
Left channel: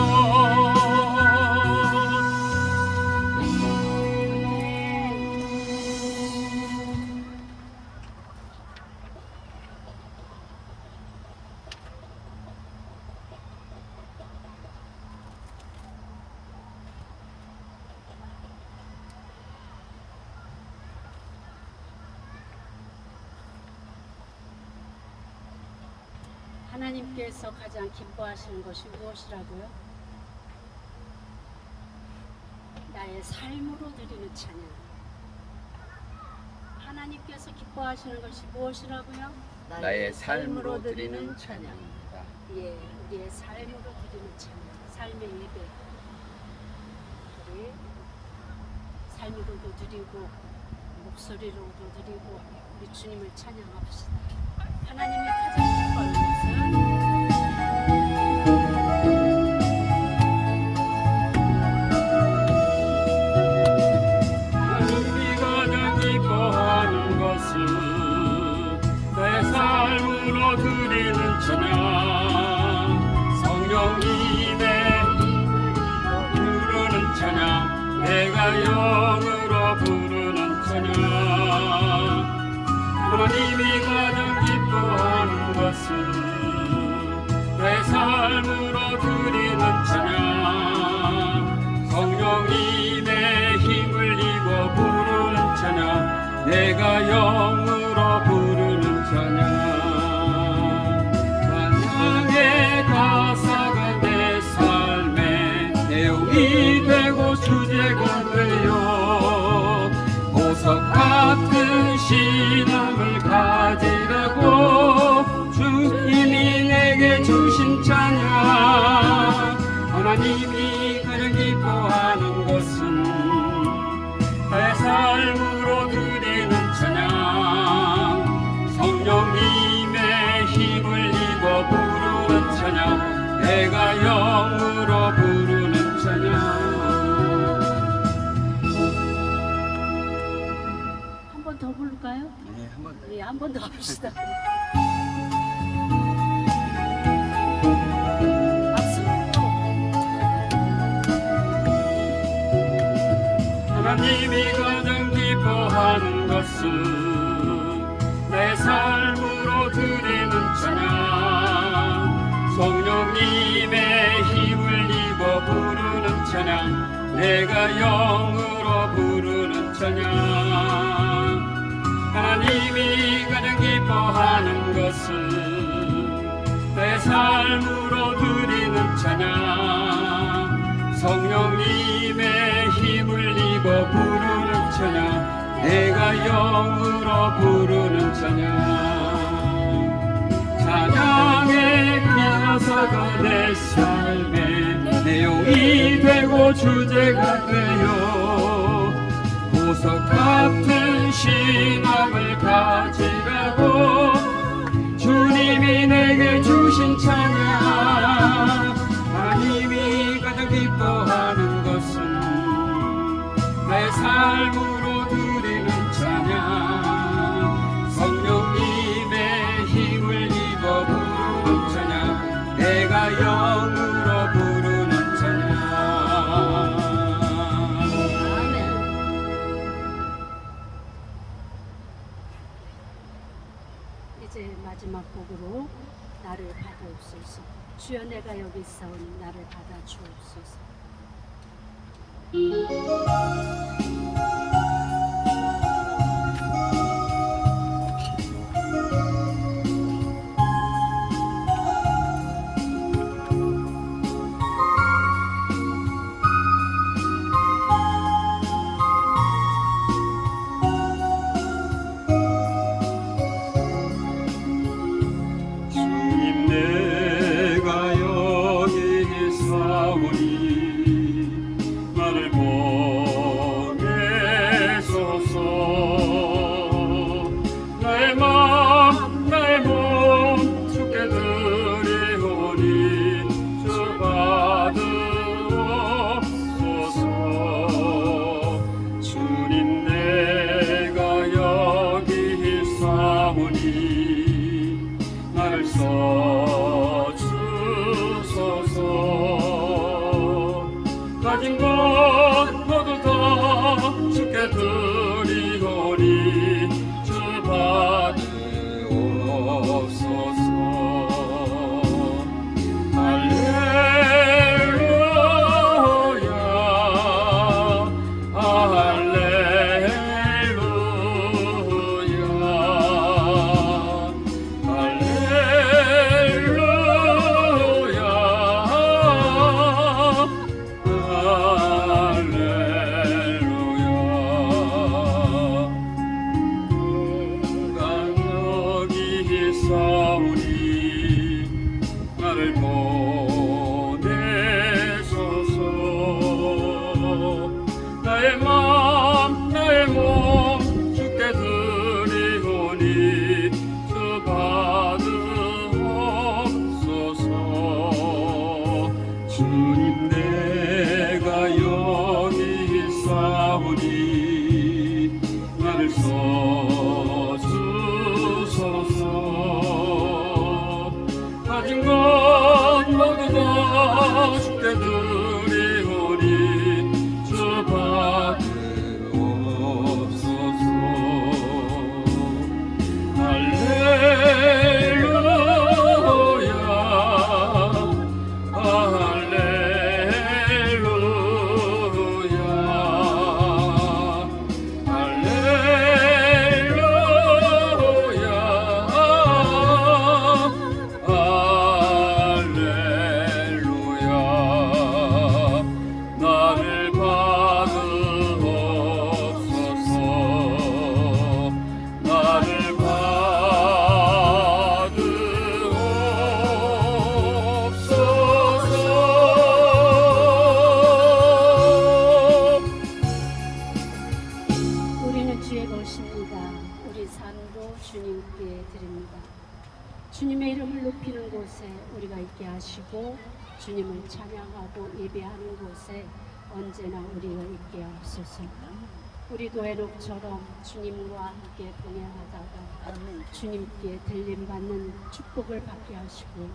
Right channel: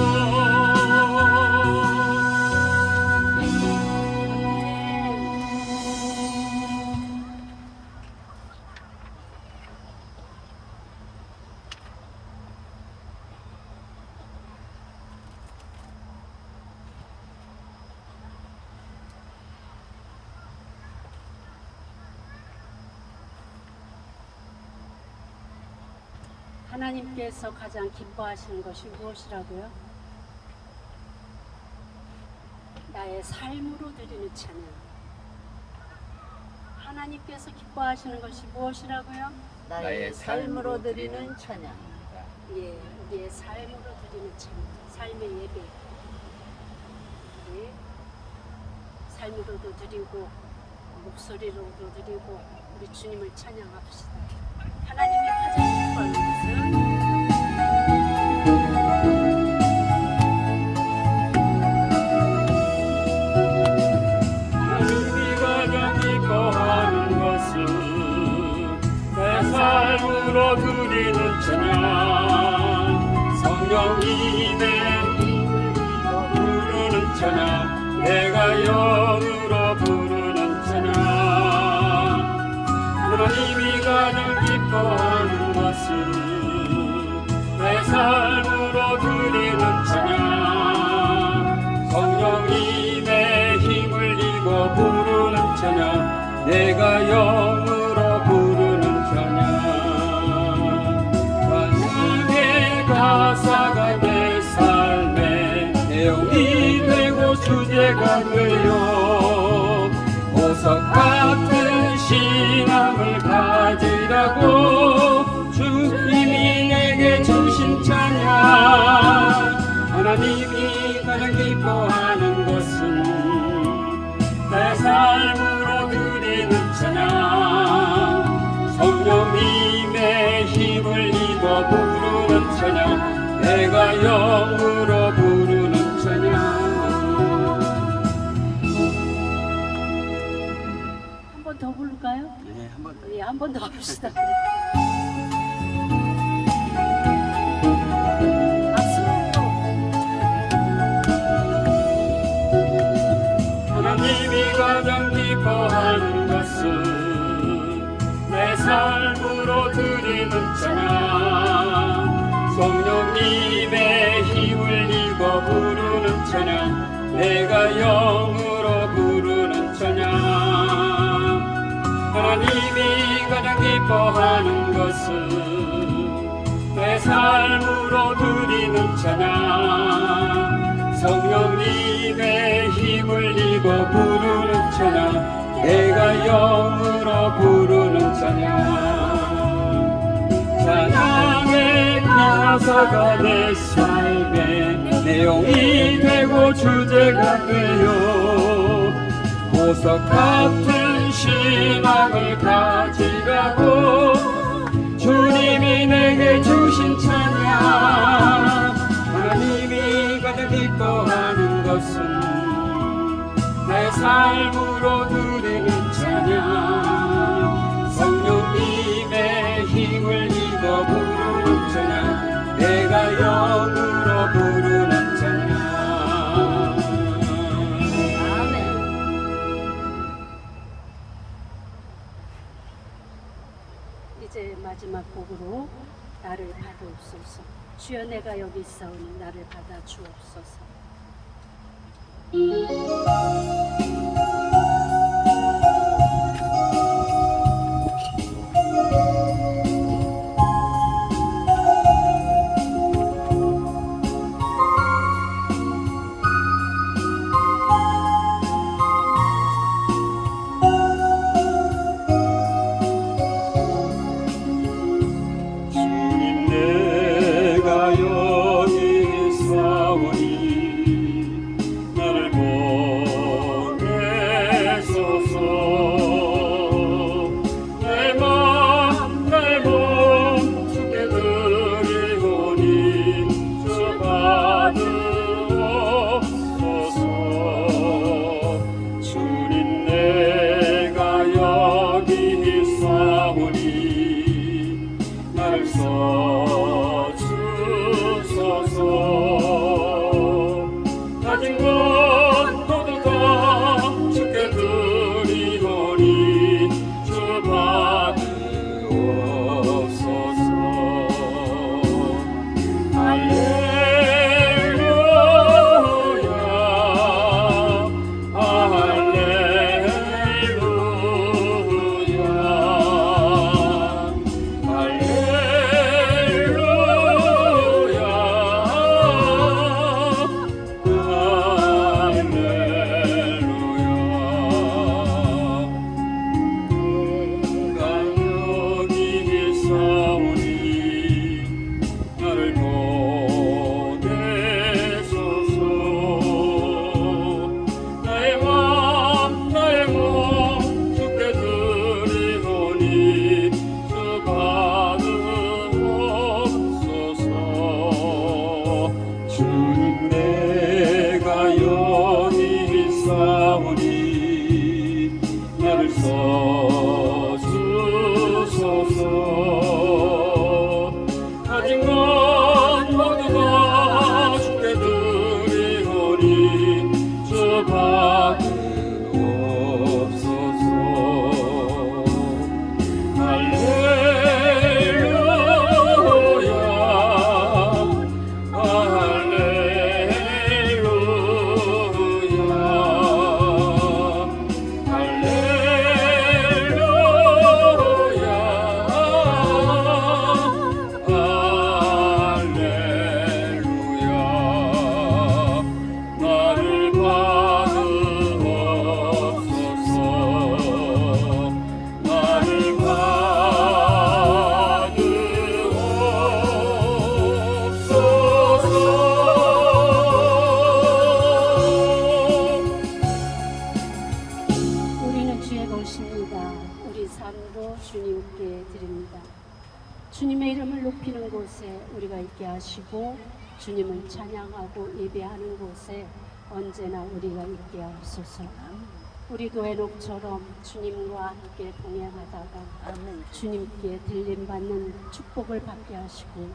하나님께서 가장 기뻐하시는 것이 무엇이라고요? 나의 삶으로 드리는 찬양. 하나님께서 기뻐하시는 것이 무엇이라고요? 나의 삶으로 드리는 찬양입니다. 예, 우리의 삶으로 드리는 찬양, 삶의 예배. 우리 삶으로도 드리고 목소리로도 드리고 우리 주님을 찬양합시다. 하나님이 가장 기뻐하는 것은 하나님이 가장 기뻐하는 것은 내 삶으로 드리는 찬양, 성령님의 부르는 찬양, 내가 영으로 부르는 찬양. 하나님이 가장 기뻐하는 것은 내 삶으로 드리는 찬양, 성령님의 힘을 입어 부르는 찬양, 내가 영으로 부르는 찬양. 찬양의 가사가 내 삶의 내용이 되고 주제가 되어 보석 같은 신앙을 가지라고 주님이 내게 주신 찬양. 하나님이 가장 기뻐하는 것은 내 삶으로 드리는 찬양, 성령님의 힘을 입어 부르는 찬양, 내가 영으로 부르는 찬양. 한 번 더 부를까요? 네, 한번 더. 예, 한 번 더 합시다. 박수! 하나님이 가장 기뻐하는 것은 내 삶으로 드리는 찬양, 성령님의 힘을 입어 부르는 찬양, 내가 영으로 부르는 찬양. 하나님이 가장 기뻐하는 것은 내 삶으로 드리는 찬양, 성령님의 힘을 입어 부르는 찬양, 내가 영으로 부르는 찬양. 찬양의 가사가 내 삶의 내용이 되고 주제가 되어 보석 같은 신앙을 가지라고 주님이 내게 주신 찬양. 하나님이 가장 기뻐하는 것은 내 삶으로 드리는 찬양, 성령님의 힘을 입어 부르는 찬양, 내가 내가 영으로 부르는 찬양. 아멘. 이제 마지막 곡으로 나를 받아옵소서. 주여 내가 여기 있사오니 나를 받아 주옵소서. 주님 내가 여기 있사오니 나를 보내소서. 나의 마음 나의 몸 주께 드리오니 주 받으옵소서. 주님 내가 여기 있사오니 나를 써주소서. 가진 것 모두 다 주께 드리오니 주 받으옵소서. 할렐루야 할렐루야 나를 보내소서. 나의 마음 나의 몸 주께 드리오니 주 받으옵소서. 주님 내가 여기 있사오니 나를 써주소서. 가진 것 모두 다 주께 드리오니 주 받으옵소서. 할렐루야 할렐루야 나를 받으옵소서. 나를 받으옵소서. 우리는 주의 것입니다. 우리 삶도 주님께 드립니다. 주님의 이름을 높이는 곳에 우리가 있게 하시고 주님을 찬양하고 예배하는 곳에 언제나 우리가 있게 하옵소서. 우리도 에녹처럼 주님과 함께 동행하다가 주님께 들림받는 축복을 받게 하시고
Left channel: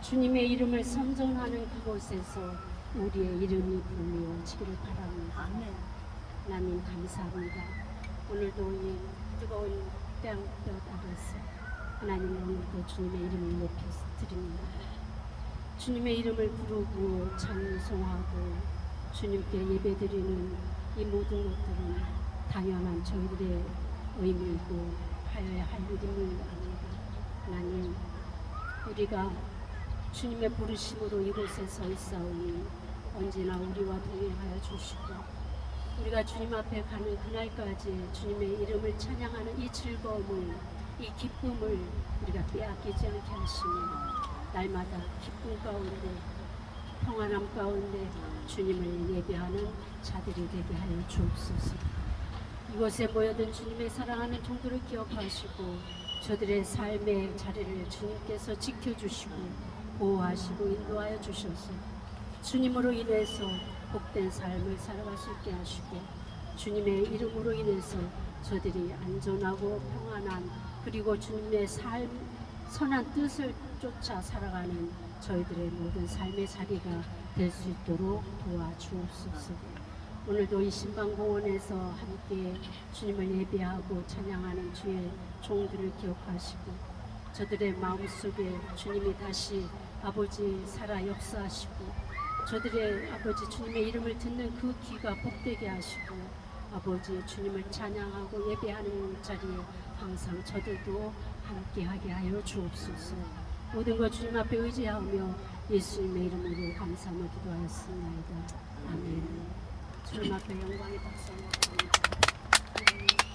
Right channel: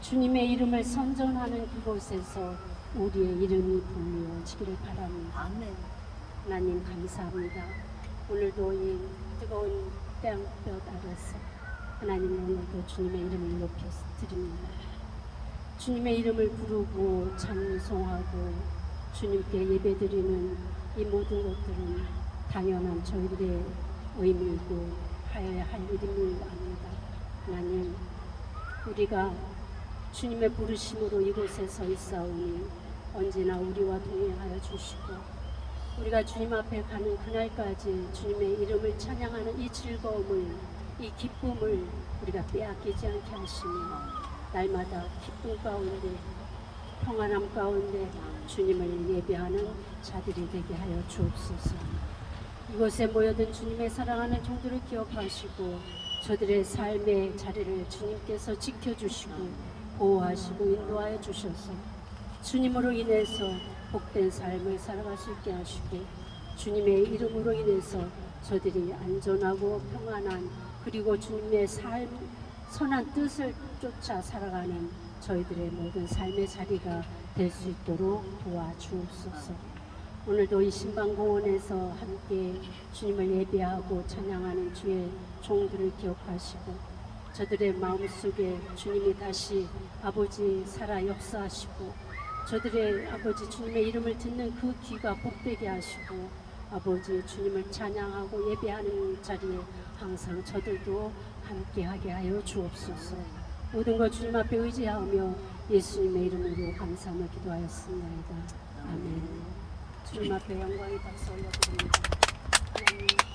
주님의 이름을 선전하는 그곳에서 우리의 이름이 불리어지기를 바랍니다. 하나님 감사합니다. 오늘도 이 뜨거운 태양볕 아래서 하나님 오늘도 주님의 이름을 높여 드립니다. 주님의 이름을 부르고 찬송하고 주님께 예배드리는 이 모든 것들은 당연한 저희들의 의무이고 하여야 할 일임을 압니다. 하나님 우리가 주님의 부르심으로 이곳에 서 있사오니 언제나 우리와 동행하여 주시고 우리가 주님 앞에 가는 그날까지 주님의 이름을 찬양하는 이 즐거움을 이 기쁨을 우리가 빼앗기지 않게 하시며 날마다 기쁨 가운데 평안함 가운데 주님을 예배하는 자들이 되게 하여 주옵소서. 이곳에 모여든 주님의 사랑하는 종들을 기억하시고 저들의 삶의 자리를 주님께서 지켜주시고 보호하시고 인도하여 주셔서 주님으로 인해서 복된 삶을 살아갈 수 있게 하시고 주님의 이름으로 인해서 저들이 안전하고 평안한 그리고 주님의 선한 뜻을 쫓아 살아가는 저희들의 모든 삶의 자리가 될 수 있도록 도와주옵소서. 오늘도 이 신방공원에서 함께 주님을 예배하고 찬양하는 주의 종들을 기억하시고 저들의 마음속에 주님이 다시 아버지 살아 역사하시고 저들의 아버지 주님의 이름을 듣는 그 귀가 복되게 하시고 아버지 주님을 찬양하고 예배하는 자리에 항상 저들도 함께하게 하여 주옵소서. 모든 것 주님 앞에 의지하며 예수님의 이름으로 감사하며 기도하였습니다. 아멘. 주님 앞에 영광의 박수 올려드립니다. 하나님.